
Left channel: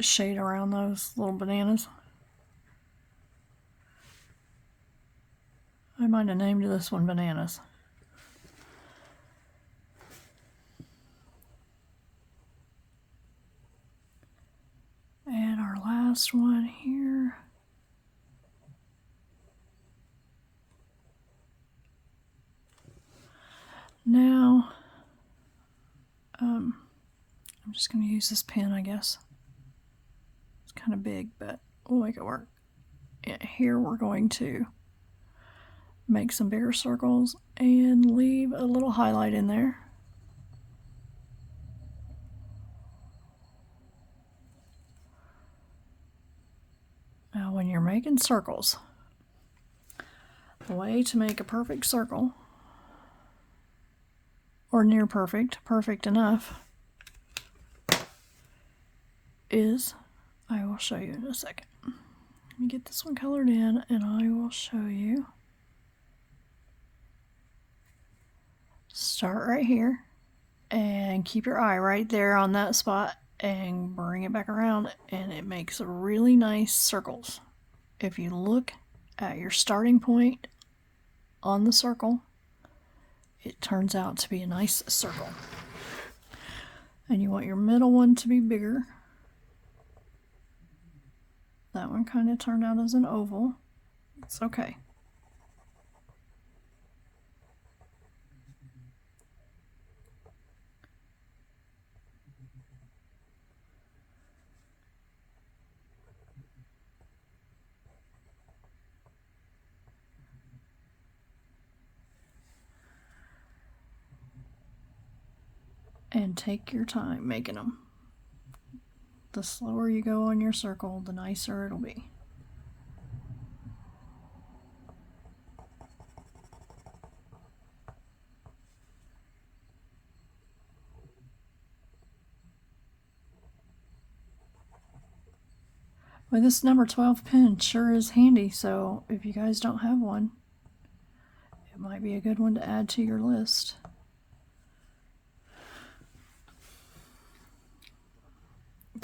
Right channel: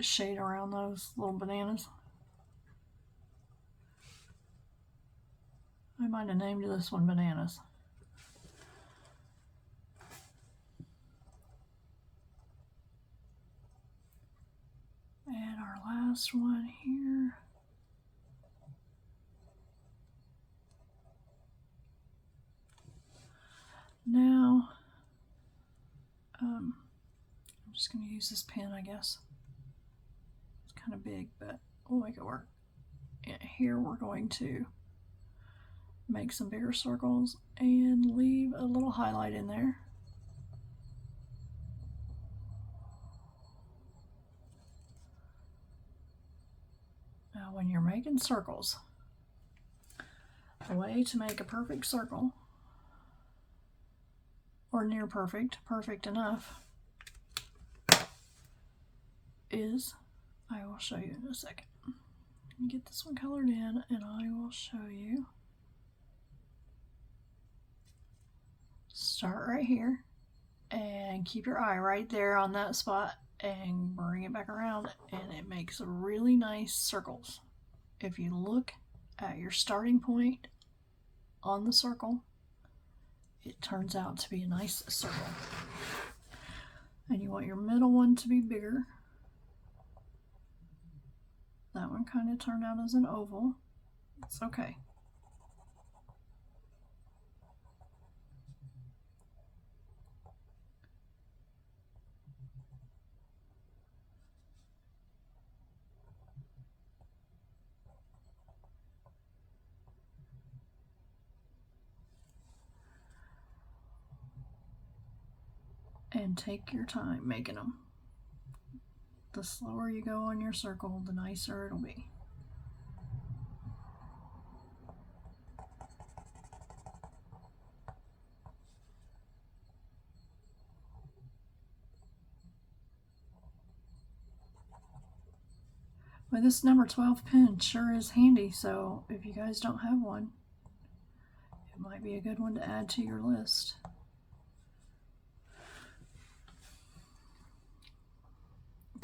shade around those little bananas. I might have named this one Bananas. And our last one here. Now, I'm just going to use this pen, I guess. It's kind of big, but we'll make it work. Yeah, here we're going to make some bigger circles and leave a little highlight in there. Now, when you're making circles, the way to make a perfect circle, or near perfect, perfect enough, is, I will show you in a second. Let me get this one colored in and I will show you. Start right here and keep your eye right there on that spot and bring it back around, and it makes really nice circles. If you look at your starting point on the circle, it turns out to be a nice circle. And you want your middle one to be bigger. That one kind of turned out as an oval. It's okay. And take your time making them. The slower you go on your circle, the nicer it'll be. Well, this number 12 pen sure is handy, so if you guys don't have one, it might be a good one to add to your list.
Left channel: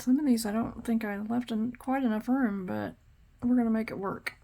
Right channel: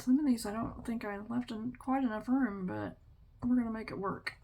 Some of these I don't think I left in quite enough room, but we're going to make it work.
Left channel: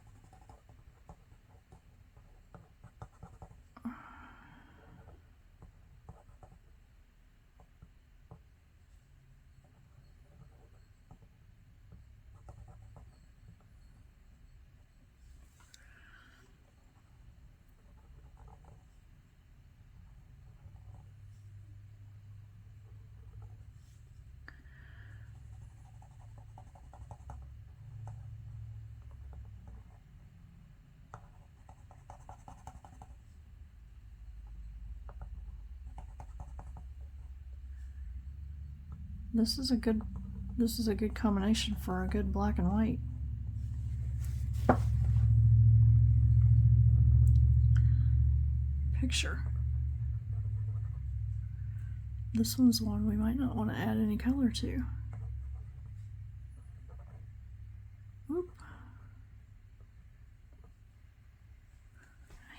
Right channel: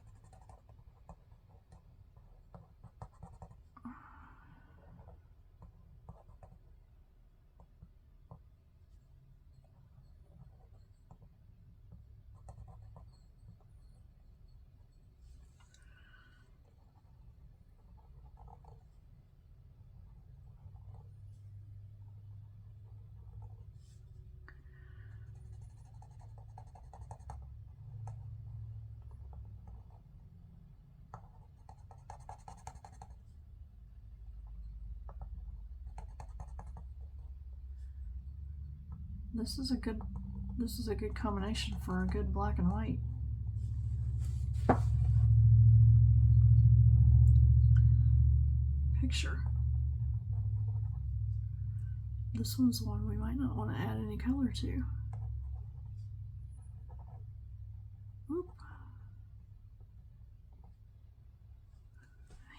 This is a good combination for a good black and white. Picture. This one's one we might not want to add any color to. Whoop.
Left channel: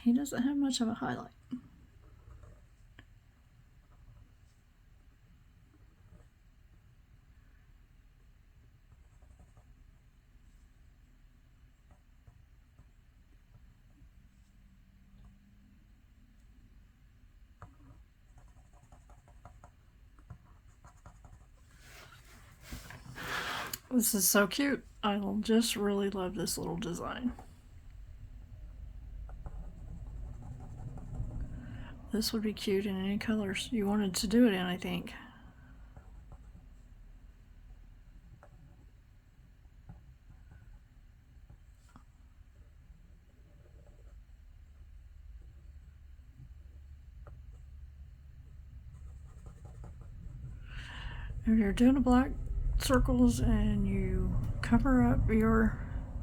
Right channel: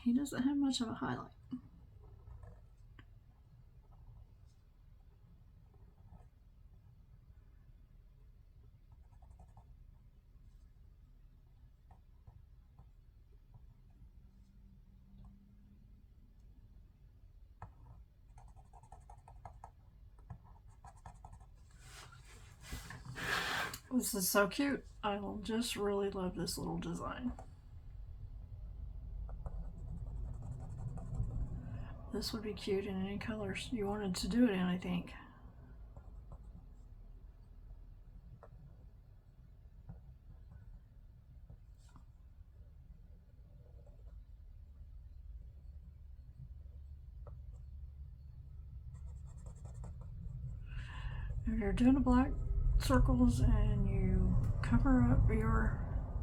He doesn't have much of a highlight. This is so cute. I just really love this little design. This would be cute in any colors you wanted to do it in, I think. If you're doing a black circles and you cover up your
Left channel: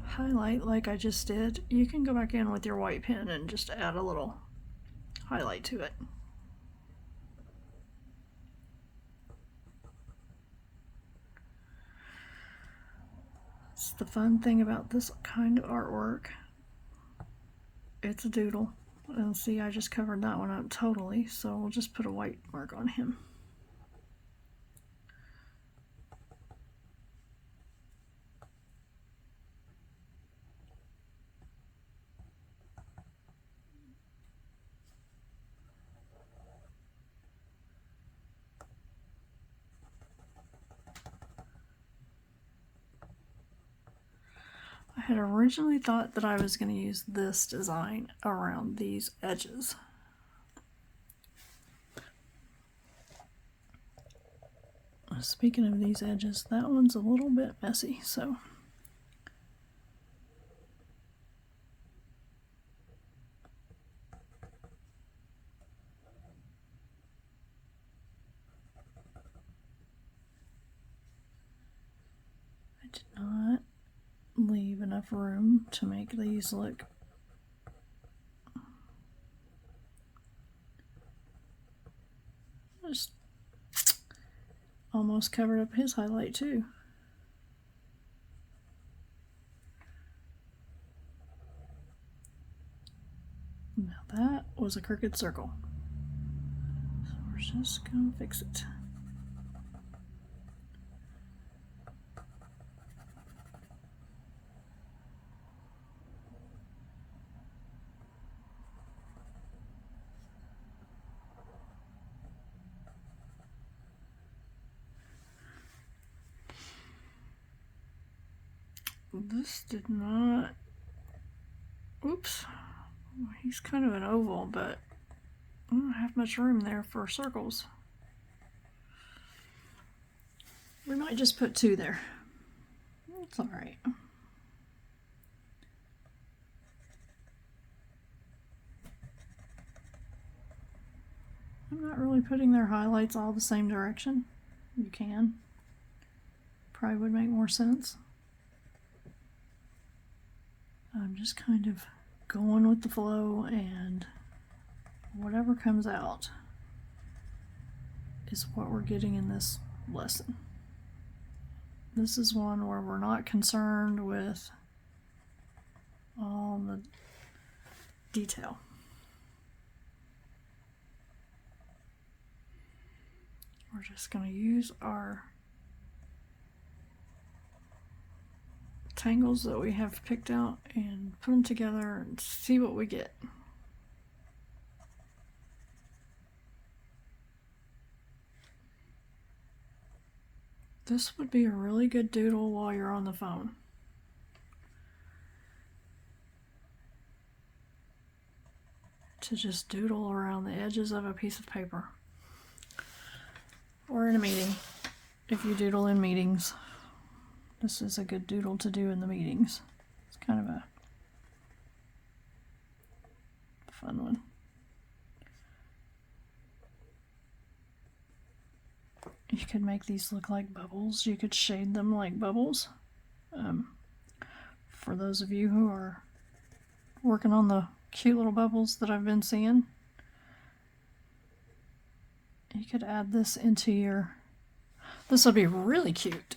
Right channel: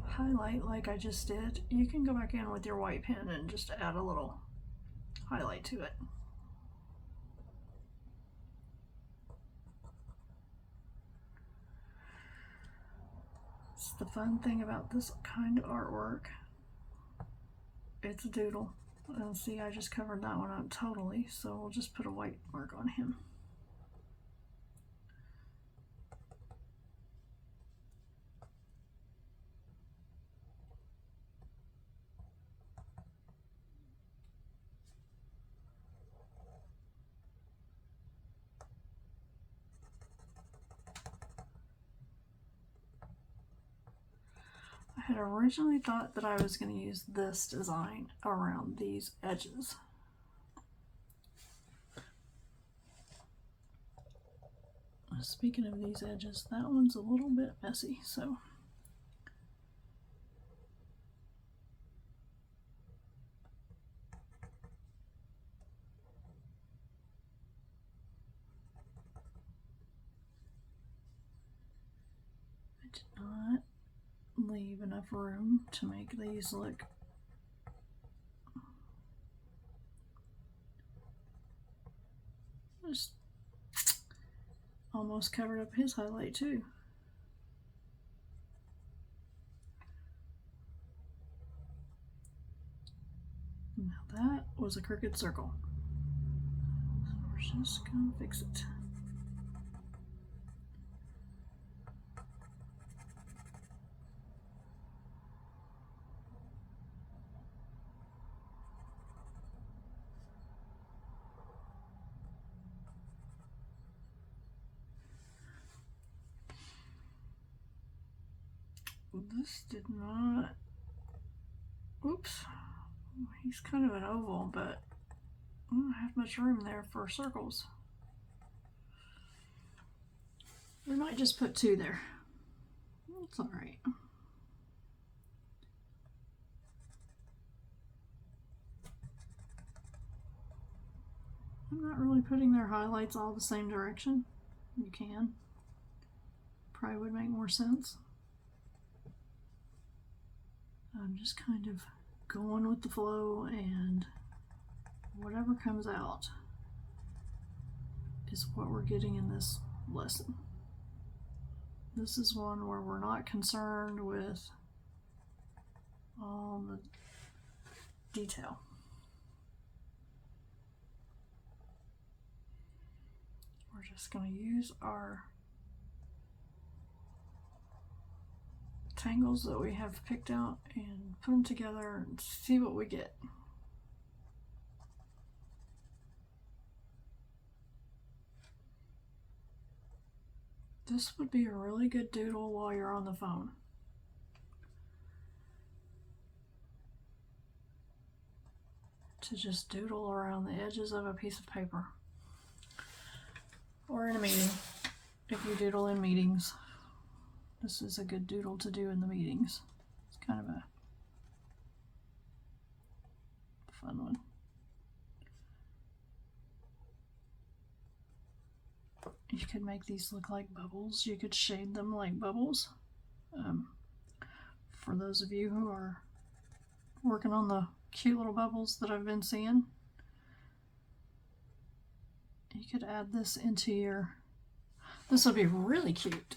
highlight like I just did, you can go back in with your white pen and just add a little highlight to it. It's the fun thing about this kind of artwork. It's a doodle. And see, I just covered that one up totally, so we'll just put a white mark on him. I had originally thought that I was going to use this design around these edges. Speaking of these edges, that one's a little bit messy, so I did not leave enough room to make these look just almost covered up his highlight too. Now that was a crooked circle, so we're just gonna fix it. This did not, oops, he's kind of an oval, but I don't have much room there for circles. We might just put 2 there. It's all right. I'm not really putting their highlights all the same direction. You can. Probably would make more sense. I'm just kind of going with the flow, and whatever comes out is what we're getting in this lesson. This is one where we're not concerned with all the detail. We're just going to use our tangles that we have picked out and put them together and see what we get. This would be a really good doodle while you're on the phone. To just doodle around the edges of a piece of paper. Or in a meeting, if you doodle in meetings. This is a good doodle to do in the meetings. It's kind of a fun one. You could make these look like bubbles. You could shade them like bubbles. For those of you who are working on the cute little bubbles that I've been seeing, you could add this into your, this would be really cute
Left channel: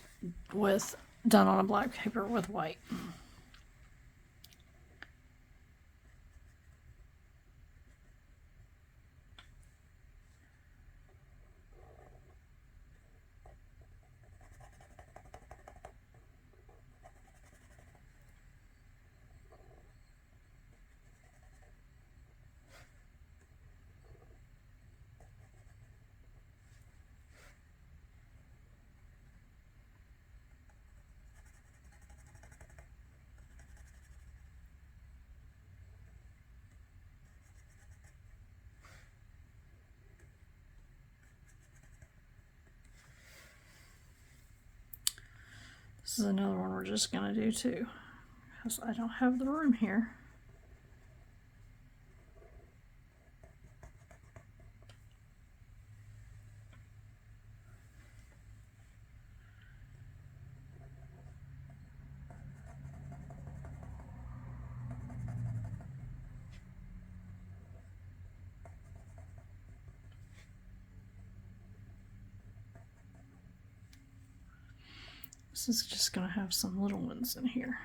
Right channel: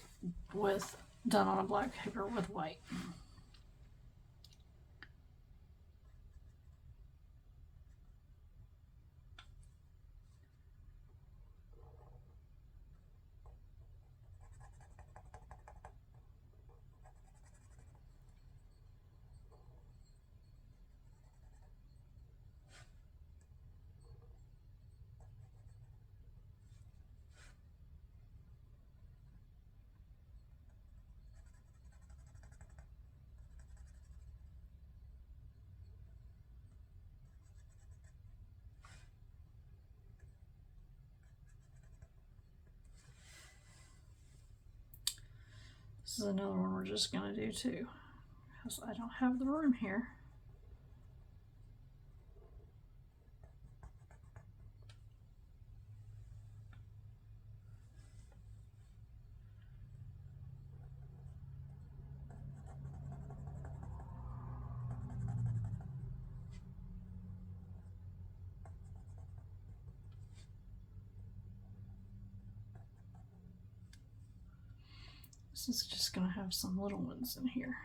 with done on a black paper with white. This is another one we're just going to do too, because I don't have the room here. This is just going to have some little ones in here.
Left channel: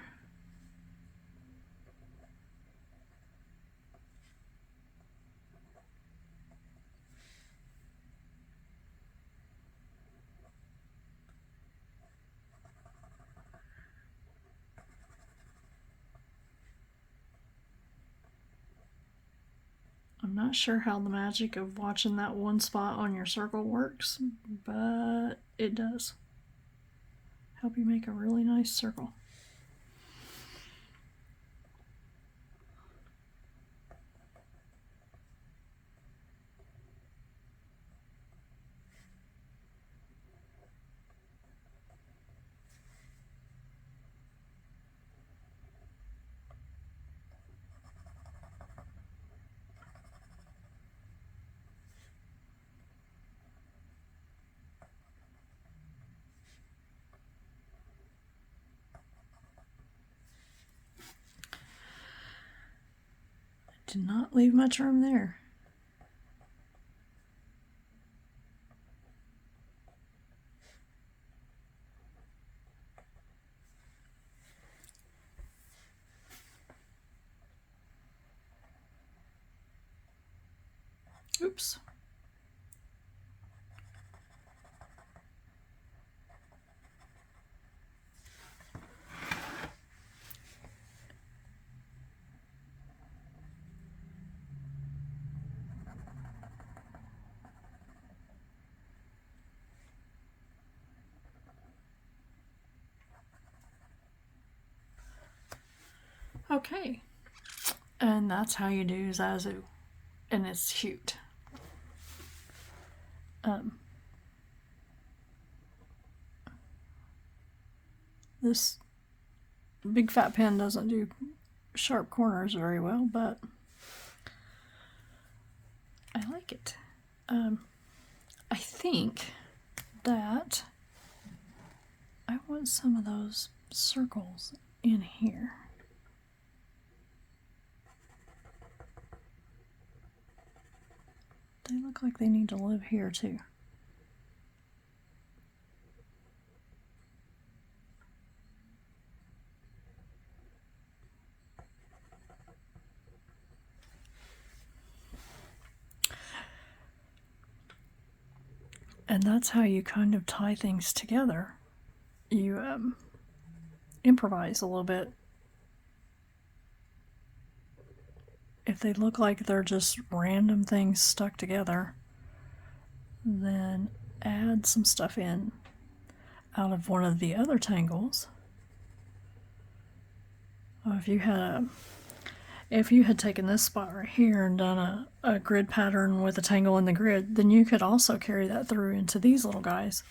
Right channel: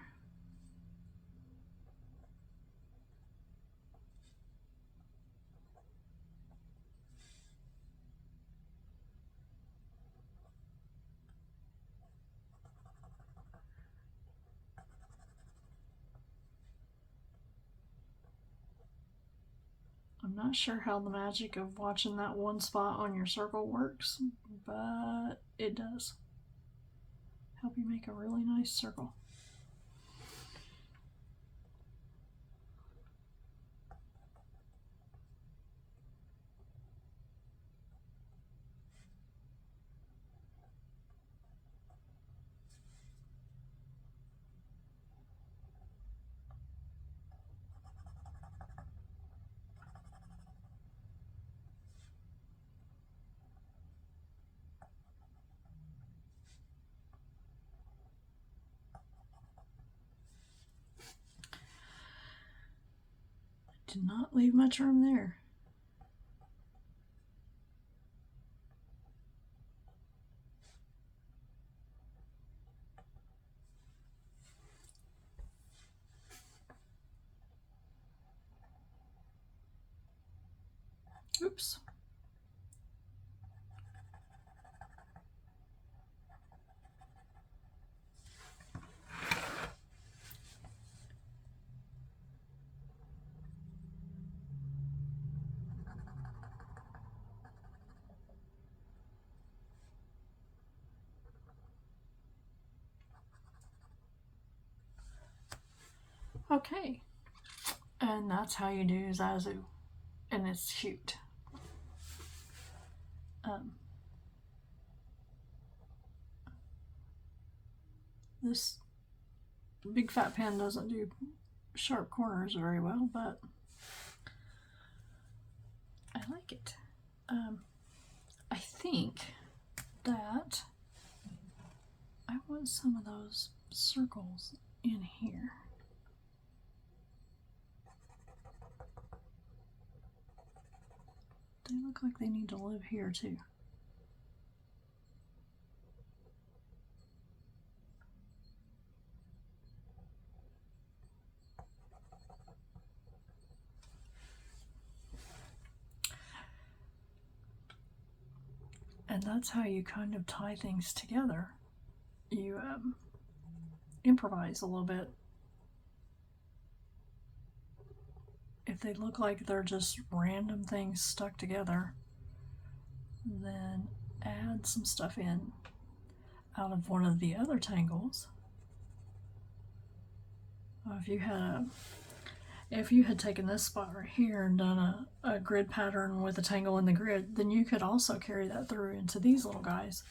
I'm not sure how the magic of watching that one spot on your circle works, but it does help you make a really nice circle. Did not leave much room there. Oops. Okay, and that's how you do ZaZu, and it's cute. This big fat pen doesn't do sharp corners very well, but I like it. I think that I want some of those circles in here. They look like they need to live here too. And that's how you kind of tie things together. You improvise a little bit. If they look like they're just random things stuck together, then add some stuff in out of one of the other tangles. If you had taken this spot right here and done a grid pattern with a tangle in the grid, then you could also carry that through into these little guys.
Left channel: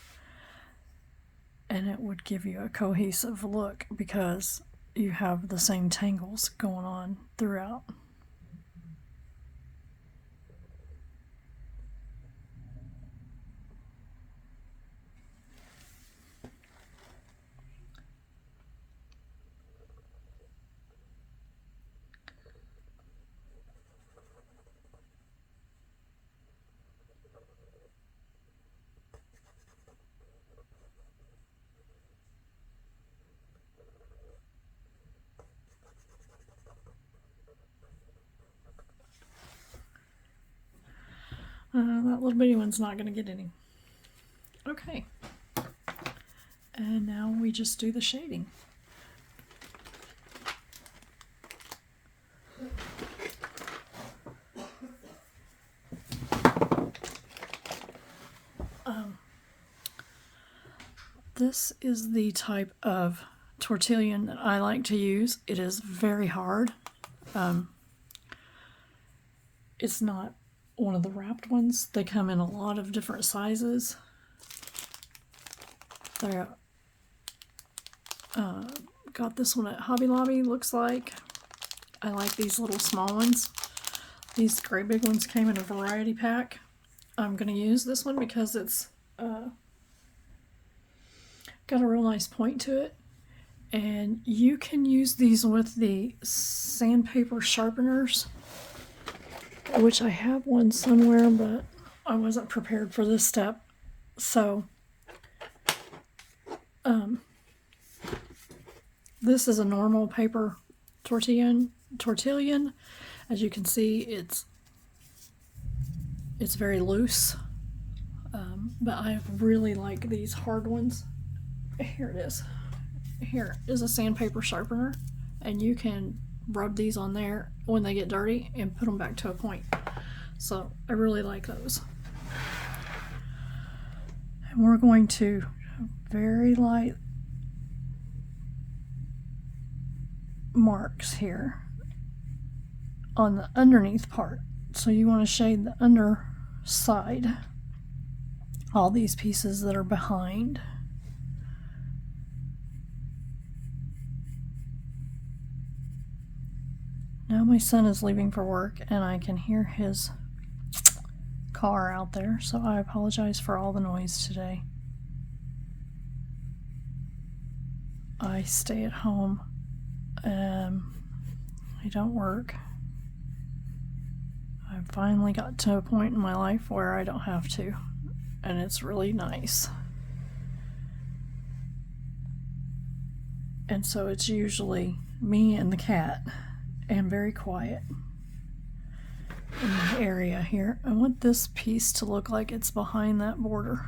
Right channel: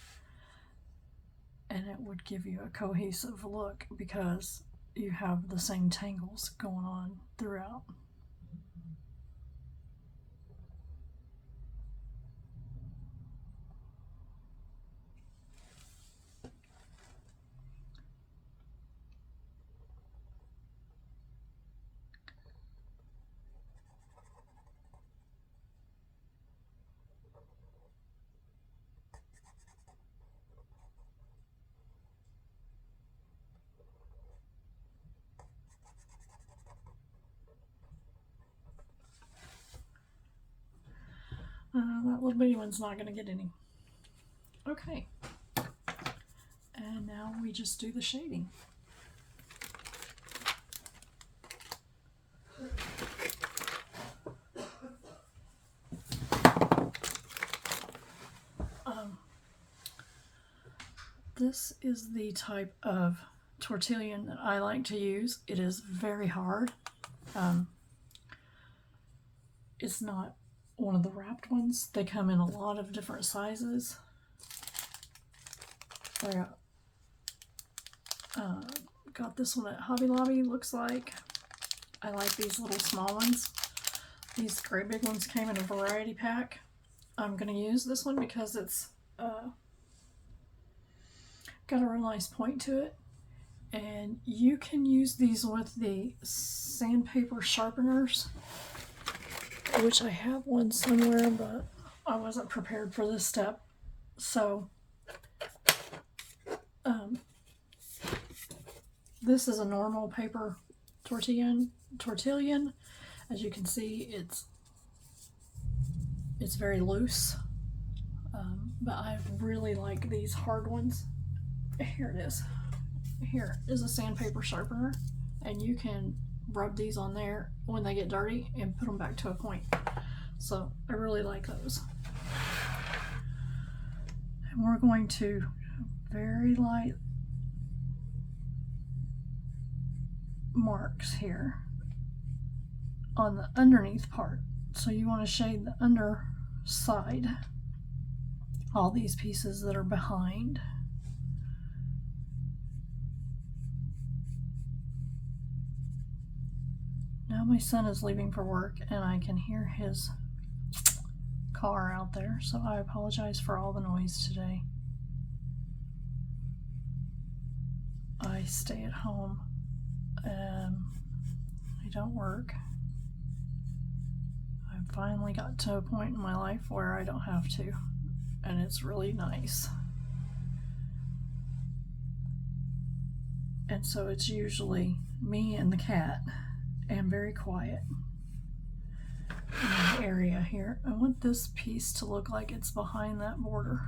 And it would give you a cohesive look because you have the same tangles going on throughout. That little bitty one's not going to get any. Okay. And now we just do the shading. This is the type of tortillon that I like to use. It is very hard. It's not one of the wrapped ones. They come in a lot of different sizes. They're Got this one at Hobby Lobby, looks like. I like these little small ones. These great big ones came in a variety pack. I'm going to use this one because it's got a real nice point to it. And you can use these with the sandpaper sharpeners, which I have one somewhere, but I wasn't prepared for this step. So this is a normal paper tortillon. As you can see, it's very loose, but I really like these hard ones. Here it is. Here is a sandpaper sharpener, and you can rub these on there when they get dirty and put them back to a point. So I really like those. And we're going to very light marks here on the underneath part. So you want to shade the underside, all these pieces that are behind. Now my son is leaving for work and I can hear his car out there, so I apologize for all the noise today. I stay at home. I don't work. I've finally got to a point in my life where I don't have to, and it's really nice. And so it's usually me and the cat, and very quiet in the area here. I want this piece to look like it's behind that border.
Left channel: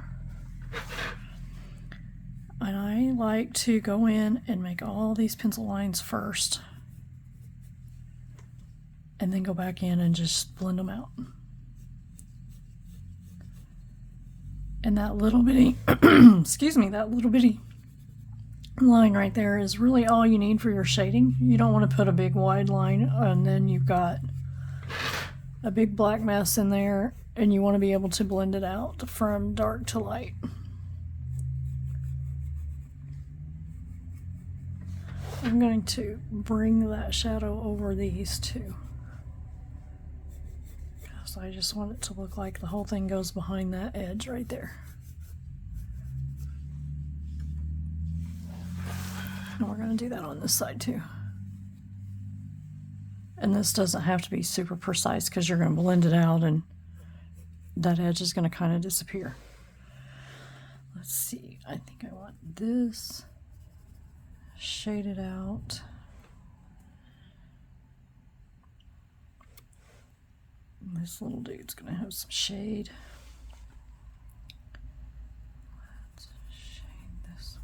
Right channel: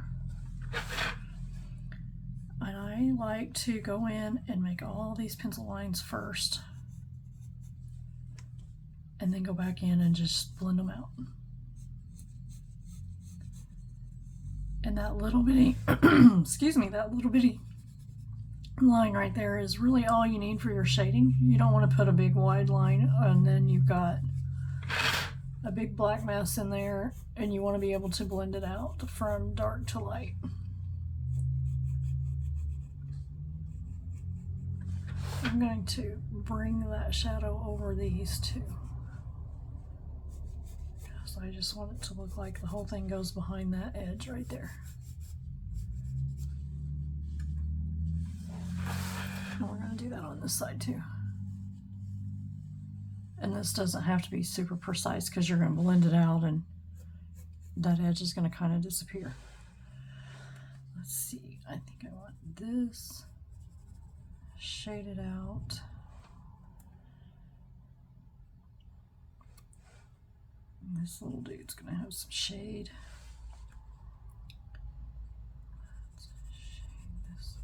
And I like to go in and make all these pencil lines first, and then go back in and just blend them out. And that little bitty, excuse me, that little bitty line right there is really all you need for your shading. You don't want to put a big wide line and then you've got a big black mess in there, and you want to be able to blend it out from dark to light. I'm going to bring that shadow over these two, because I just want it to look like the whole thing goes behind that edge right there. And we're going to do that on this side too. And this doesn't have to be super precise because you're going to blend it out and that edge is going to kind of disappear. Let's see, I think I want this shaded out. This little dude's going to have some shade. Let's shade this one.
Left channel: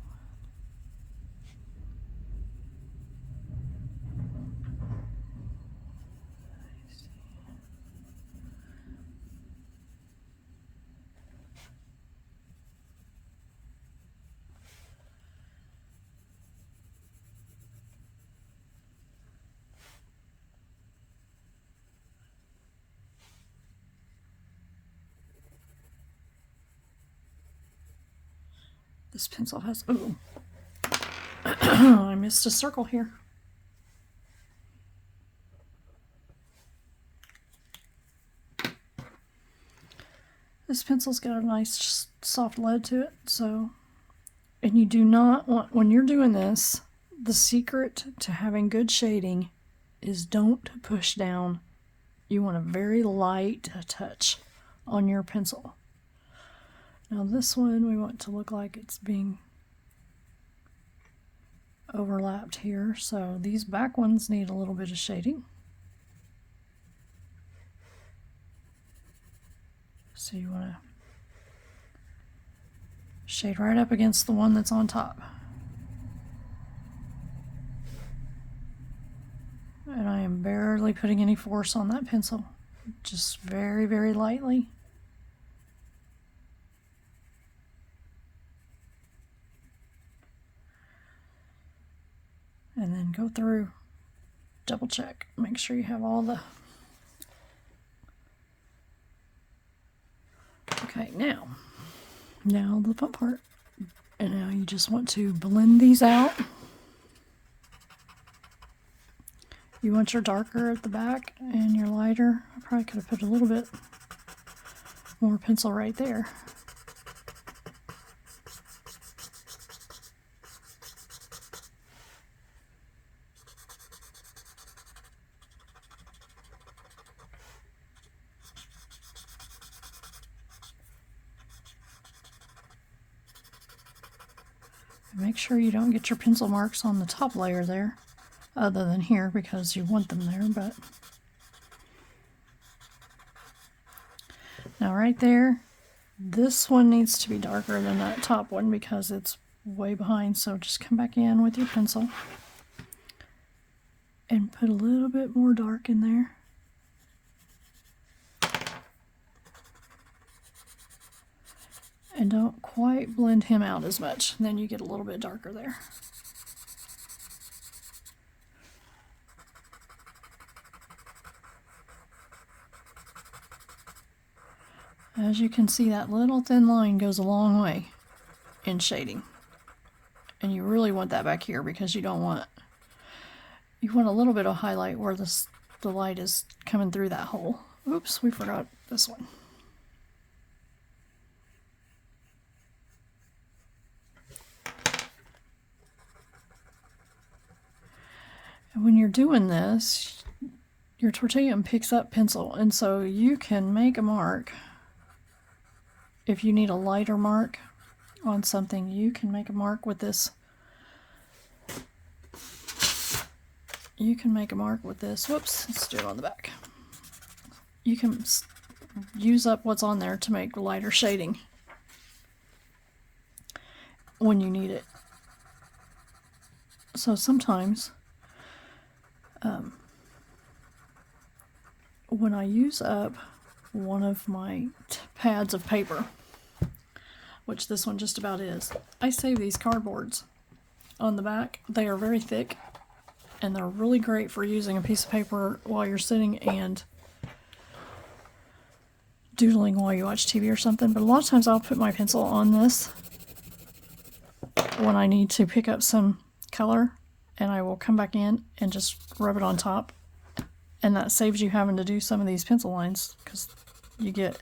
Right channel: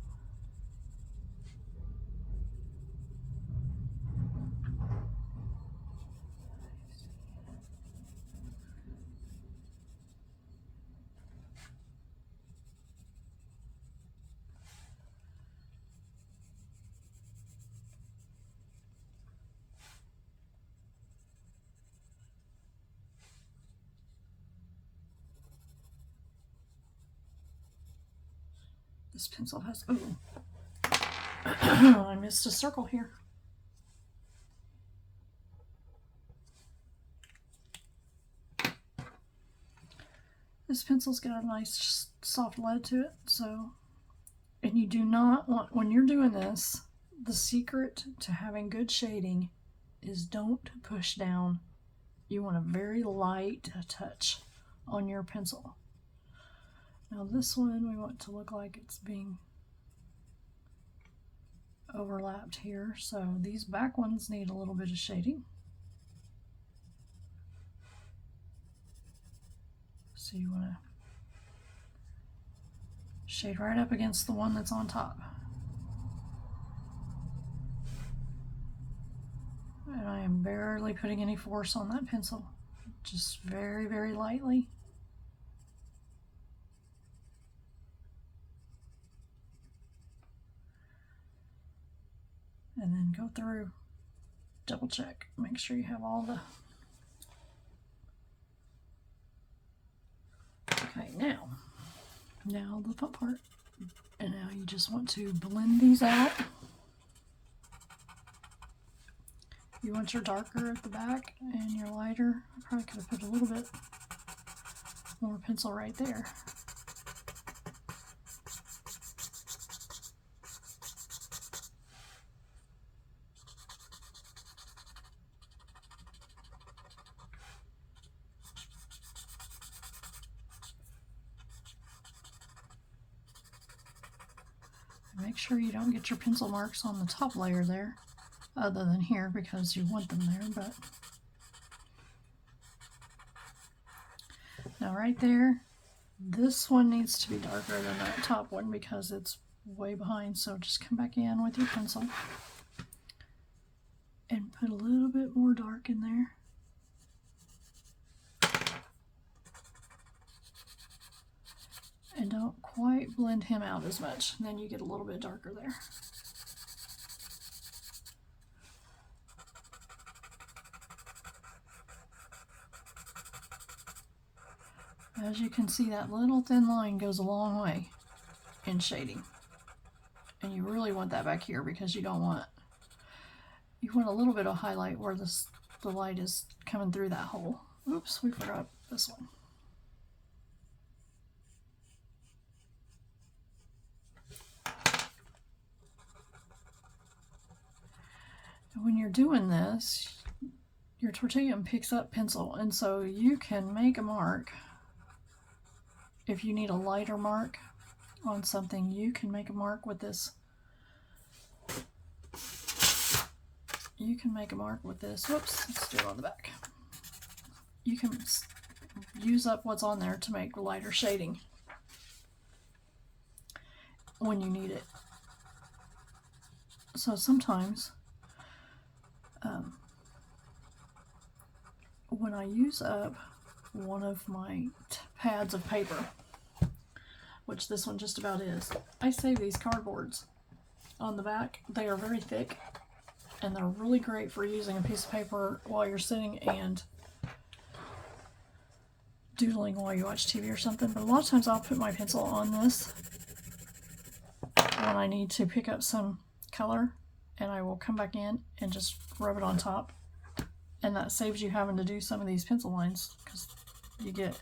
This pencil has, ooh, I missed a circle here. This pencil's got a nice soft lead to it, so, and you do not want, when you're doing this, the secret to having good shading is don't push down. You want a very light touch on your pencil. Now this one we want to look like it's being overlapped here, so these back ones need a little bit of shading. So you want to shade right up against the one that's on top. And I am barely putting any force on that pencil, just very, very lightly. And then go through, double check, make sure you have all the, okay, now the fun part. And now you just want to blend these out You want your darker at the back and your lighter. I probably could have put a little bit more pencil right there. Make sure you don't get your pencil marks on the top layer there, other than here because you want them there, but now right there, this one needs to be darker than that top one because it's way behind, so just come back in with your pencil and put a little bit more dark in there. And don't quite blend him out as much. And then you get a little bit darker there. As you can see, that little thin line goes a long way in shading. And you really want that back here because you want a little bit of highlight where the light is coming through that hole. Oops, we forgot this one. When you're doing this, your tortilla picks up pencil, and so you can make a mark. If you need a lighter mark on something, you can make a mark with this. You can make a mark with this. Whoops, let's do it on the back. You can use up what's on there to make lighter shading when you need it. So sometimes when I use up one of my pads of paper, which this one just about is, I save these cardboards on the back. They are very thick and they're really great for using a piece of paper while you're sitting and doodling while you watch TV or something. But a lot of times I'll put my pencil on this when I need to pick up some color, and I will come back in and just rub it on top, and that saves you having to do some of these pencil lines because you get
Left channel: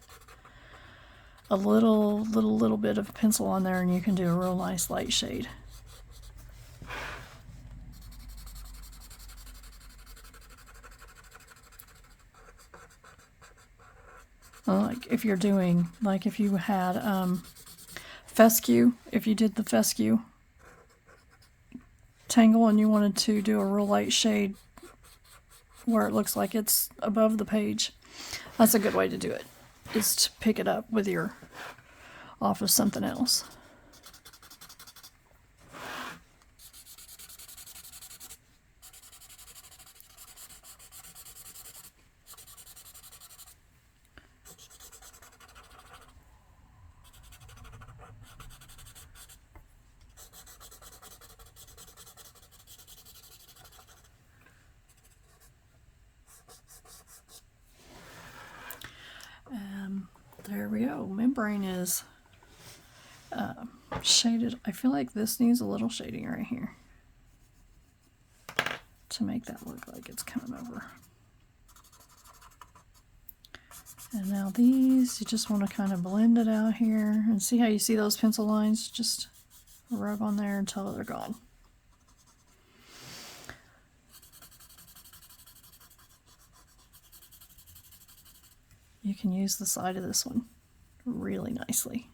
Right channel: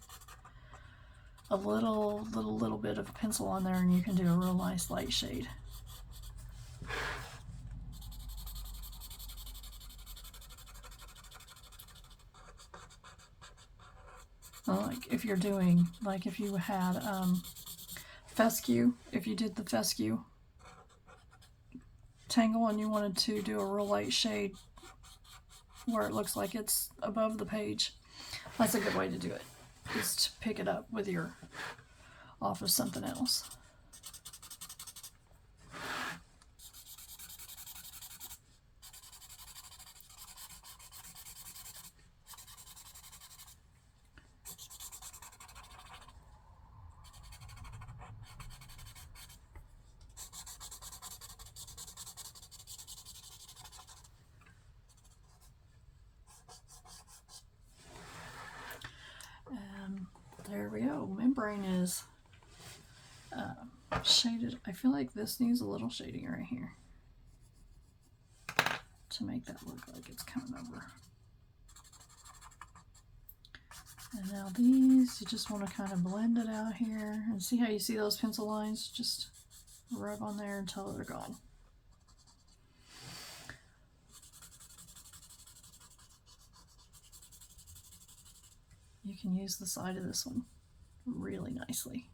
a little bit of pencil on there and you can do a real nice light shade. Like if you're doing, like if you had fescue, if you did the fescue tangle and you wanted to do a real light shade where it looks like it's above the page, that's a good way to do it, is to pick it up with your off of something else. There we go. Membrane is shaded. I feel like this needs a little shading right here to make that look like it's coming over. And now these, you just want to kind of blend it out here. And see how you see those pencil lines? Just rub on there until they're gone. You can use the side of this one really nicely.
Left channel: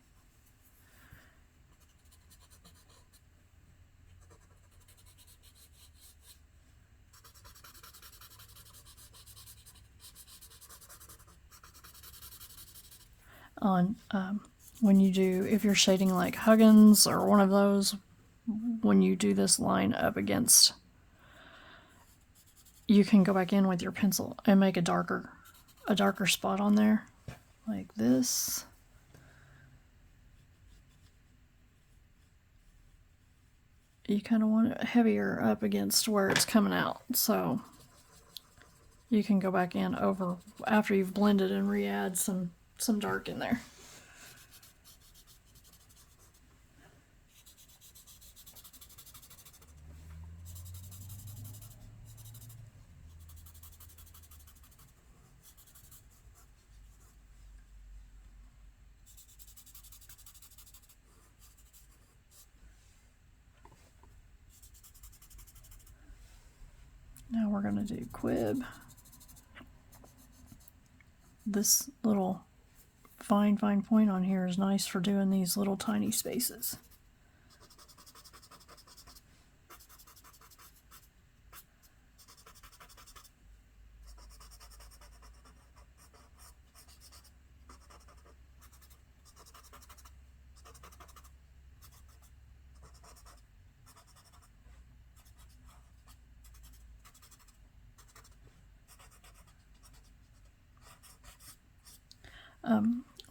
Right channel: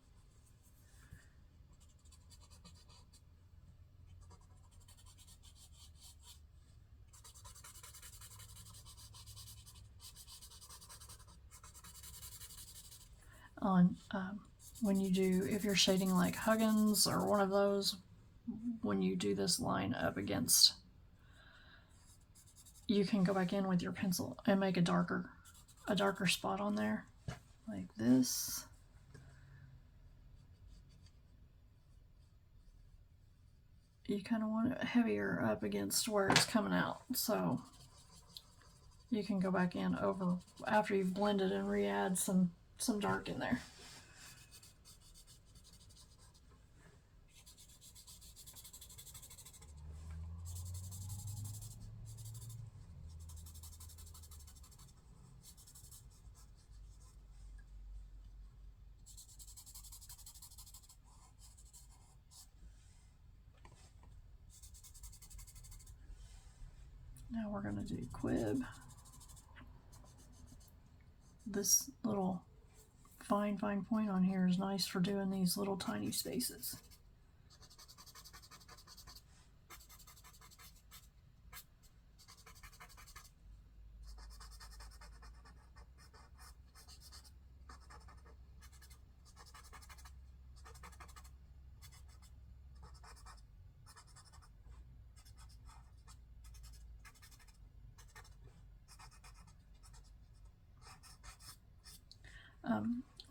On when you do, if you're shading like Huggins or one of those, when you do this line up against, you can go back in with your pencil and make a darker spot on there like this. You kind of want it heavier up against where it's coming out, so you can go back in over after you've blended and re-add some dark in there. Now we're going to do Quib. This little fine point on here is nice for doing these little tiny spaces.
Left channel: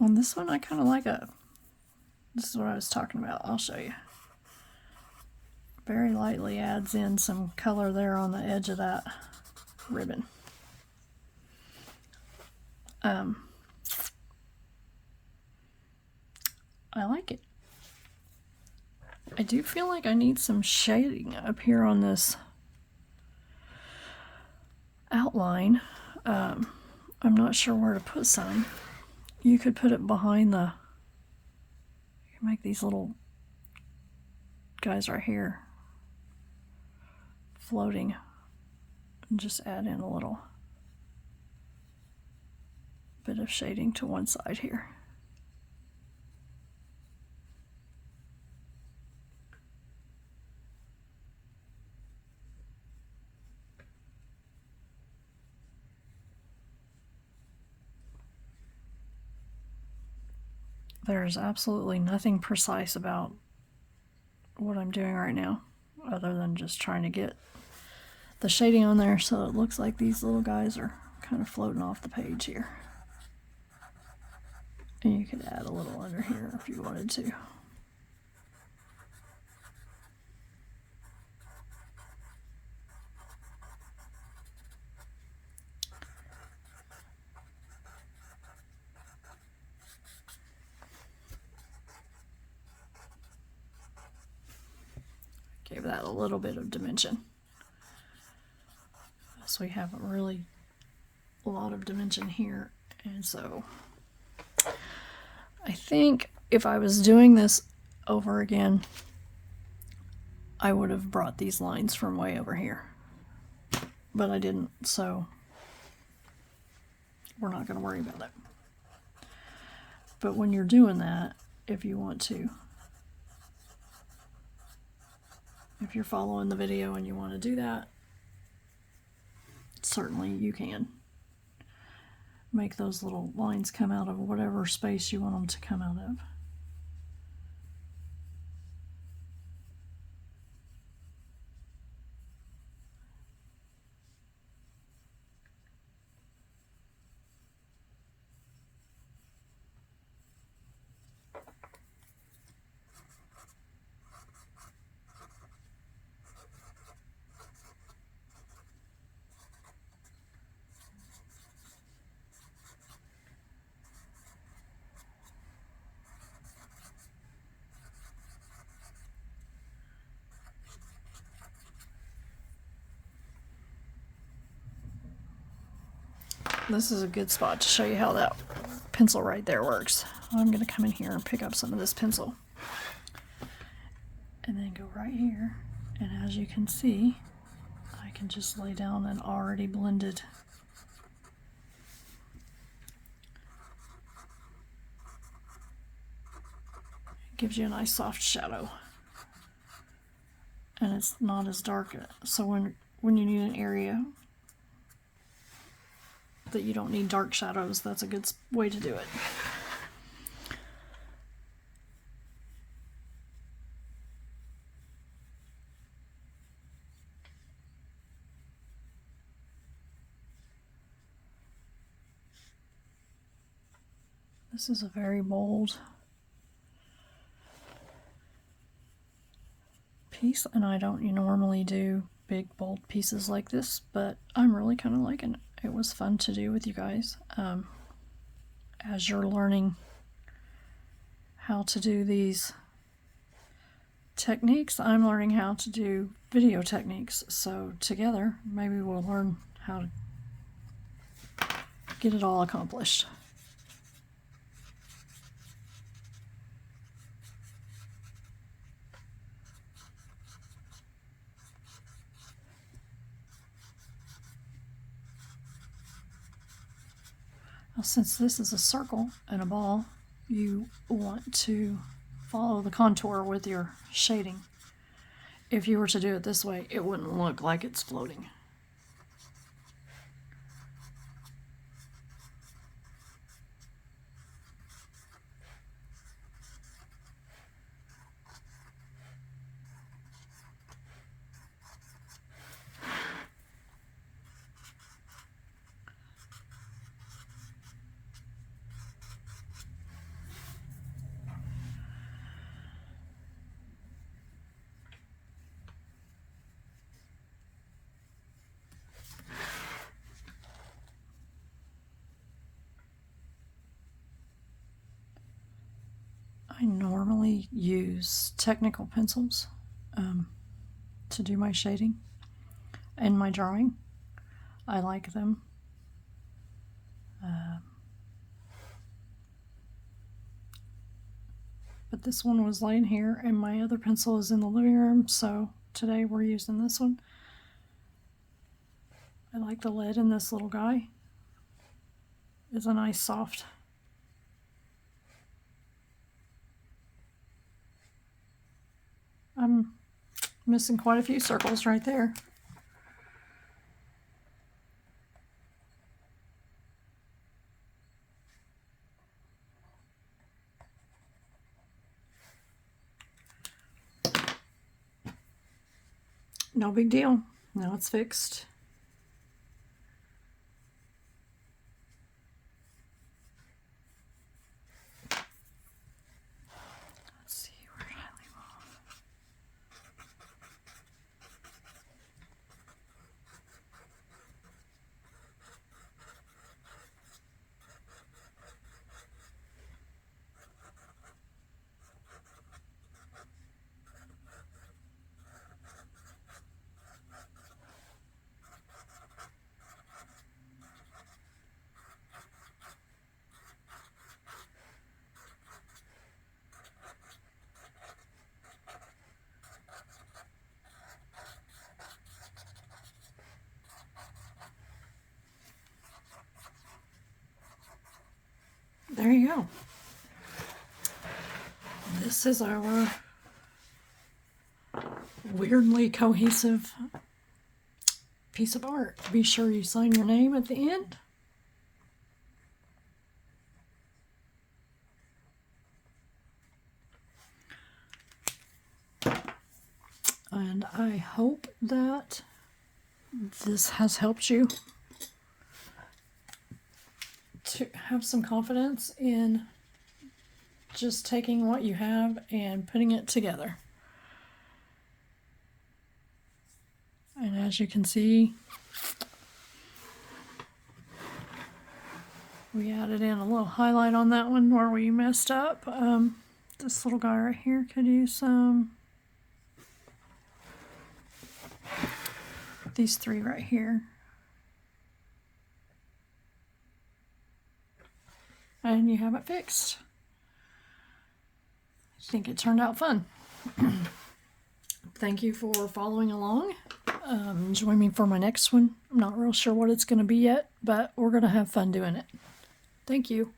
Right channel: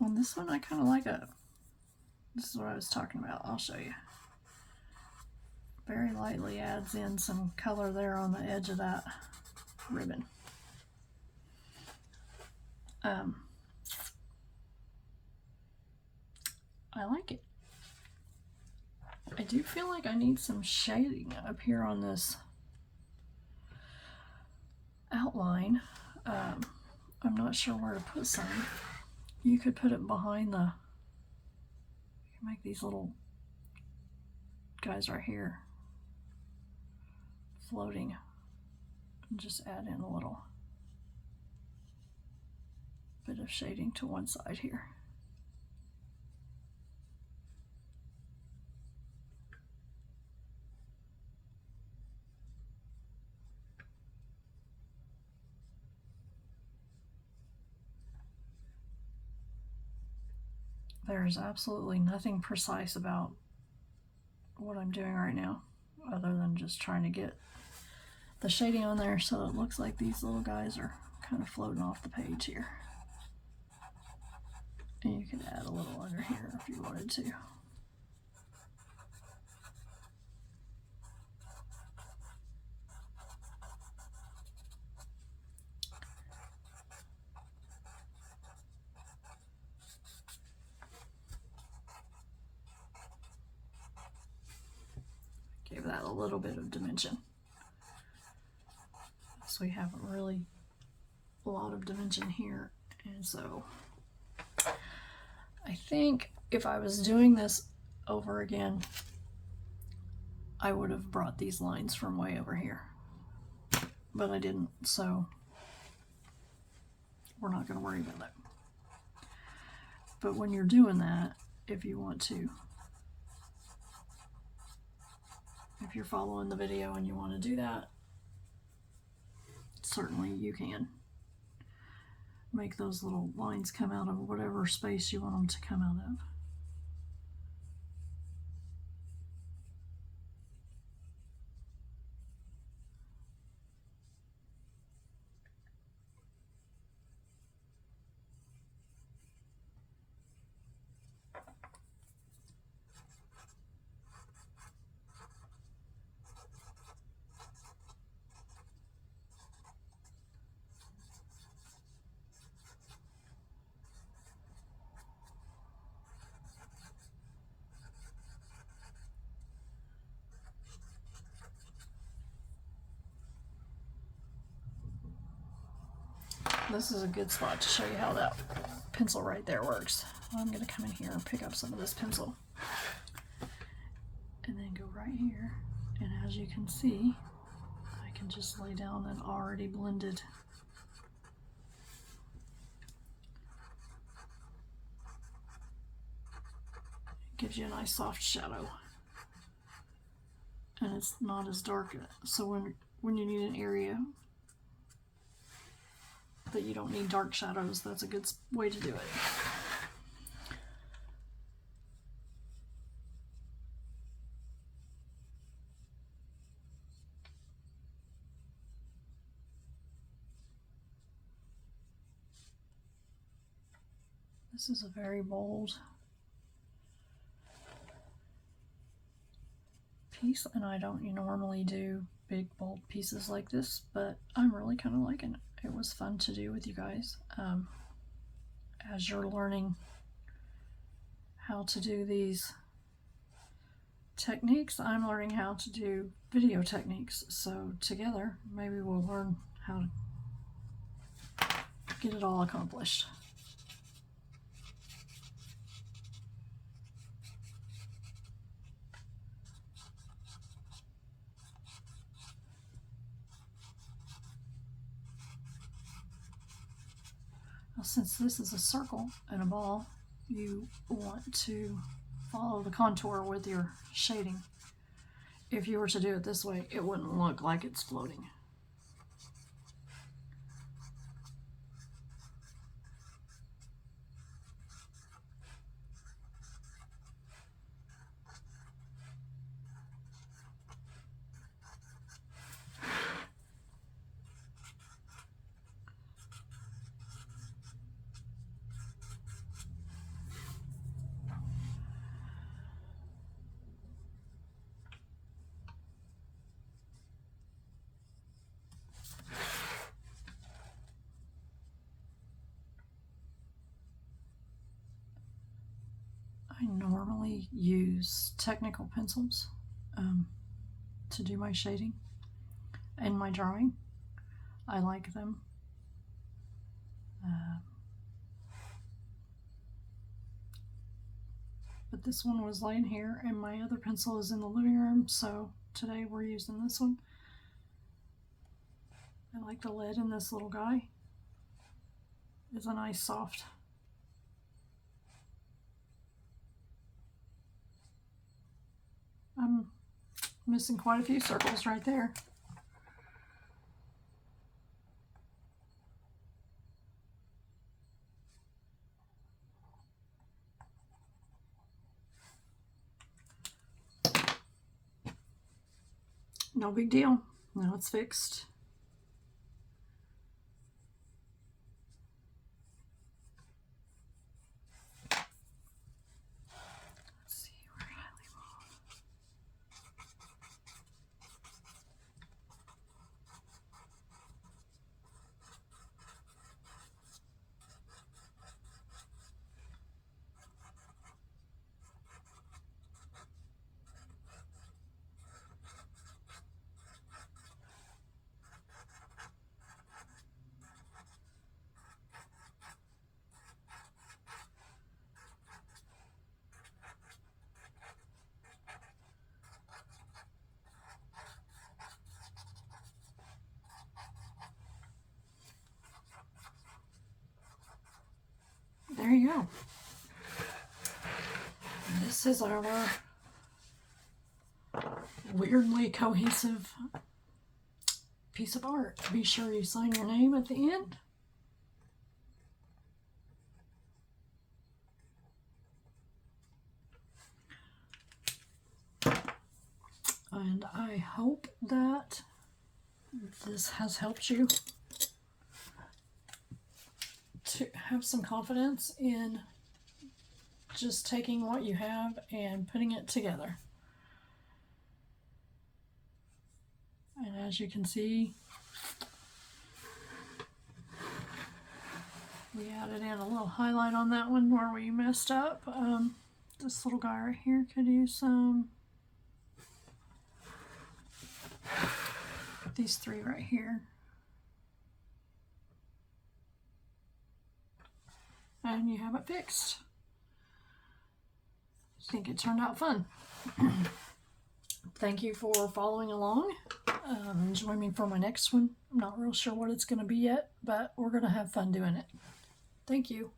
On this one, I kind of like this is what I was talking about. I'll show you. Very lightly adds in some color there on the edge of that ribbon. I like it. I do feel like I need some shading up here on this outline. I'm not sure where to put some. You could put it behind the, you can make these little guys right here floating and just add in a little bit of shading to one side here. There's absolutely nothing precise about what I'm doing right now, other than just trying to get the shading on there so it looks like these little guys are kind of floating off the page here. And you could add a little under here if you wanted to. Give that a little bit of dimension. So we have a really lot of dimension here, and so I think if I was doing this over again, I would have brought these lines from way over here, but I didn't, so we're not going to worry about that. But when you're doing that, if you want to, if you're following the video and you want to do that, certainly you can make those little lines come out of whatever space you want them to come out of. This is a good spot to show you how that pencil right there works. I'm going to come in here and pick up some of this pencil and then go right here, and as you can see, I can just lay down an already blended it gives you a nice soft shadow, and it's not as dark, so when you need an area that you don't need dark shadows, that's a good way to do it. This is a very bold piece, and I don't normally do big bold pieces like this, but I'm really kind of liking it. It was fun to do with you guys. As you're learning how to do these techniques, I'm learning how to do video techniques. So together, maybe we'll learn how to get it all accomplished. Now, since this is a circle and a ball, you want to follow the contour with your shading. If you were to do it this way, it wouldn't look like it's floating. I normally use technical pencils to do my shading and my drawing. I like them. But this one was laying here and my other pencil is in the living room, so today we're using this one. I like the lead in this little guy. It's a nice soft. I'm missing quite a few circles right there. No big deal. Now it's fixed. Let's see, where did I leave off? There you go. This is our weirdly cohesive piece of art. Be sure you sign your name at the end. And I hope that this has helped you to have some confidence in just taking what you have and putting it together. And as you can see, we added in a little highlight on that one where we messed up. This little guy right here could use some. These three right here. And you have it fixed. I think it turned out fun. Thank you for following along. Join me for my next one. I'm not real sure what it's going to be yet, but we're going to have fun doing it. Thank you.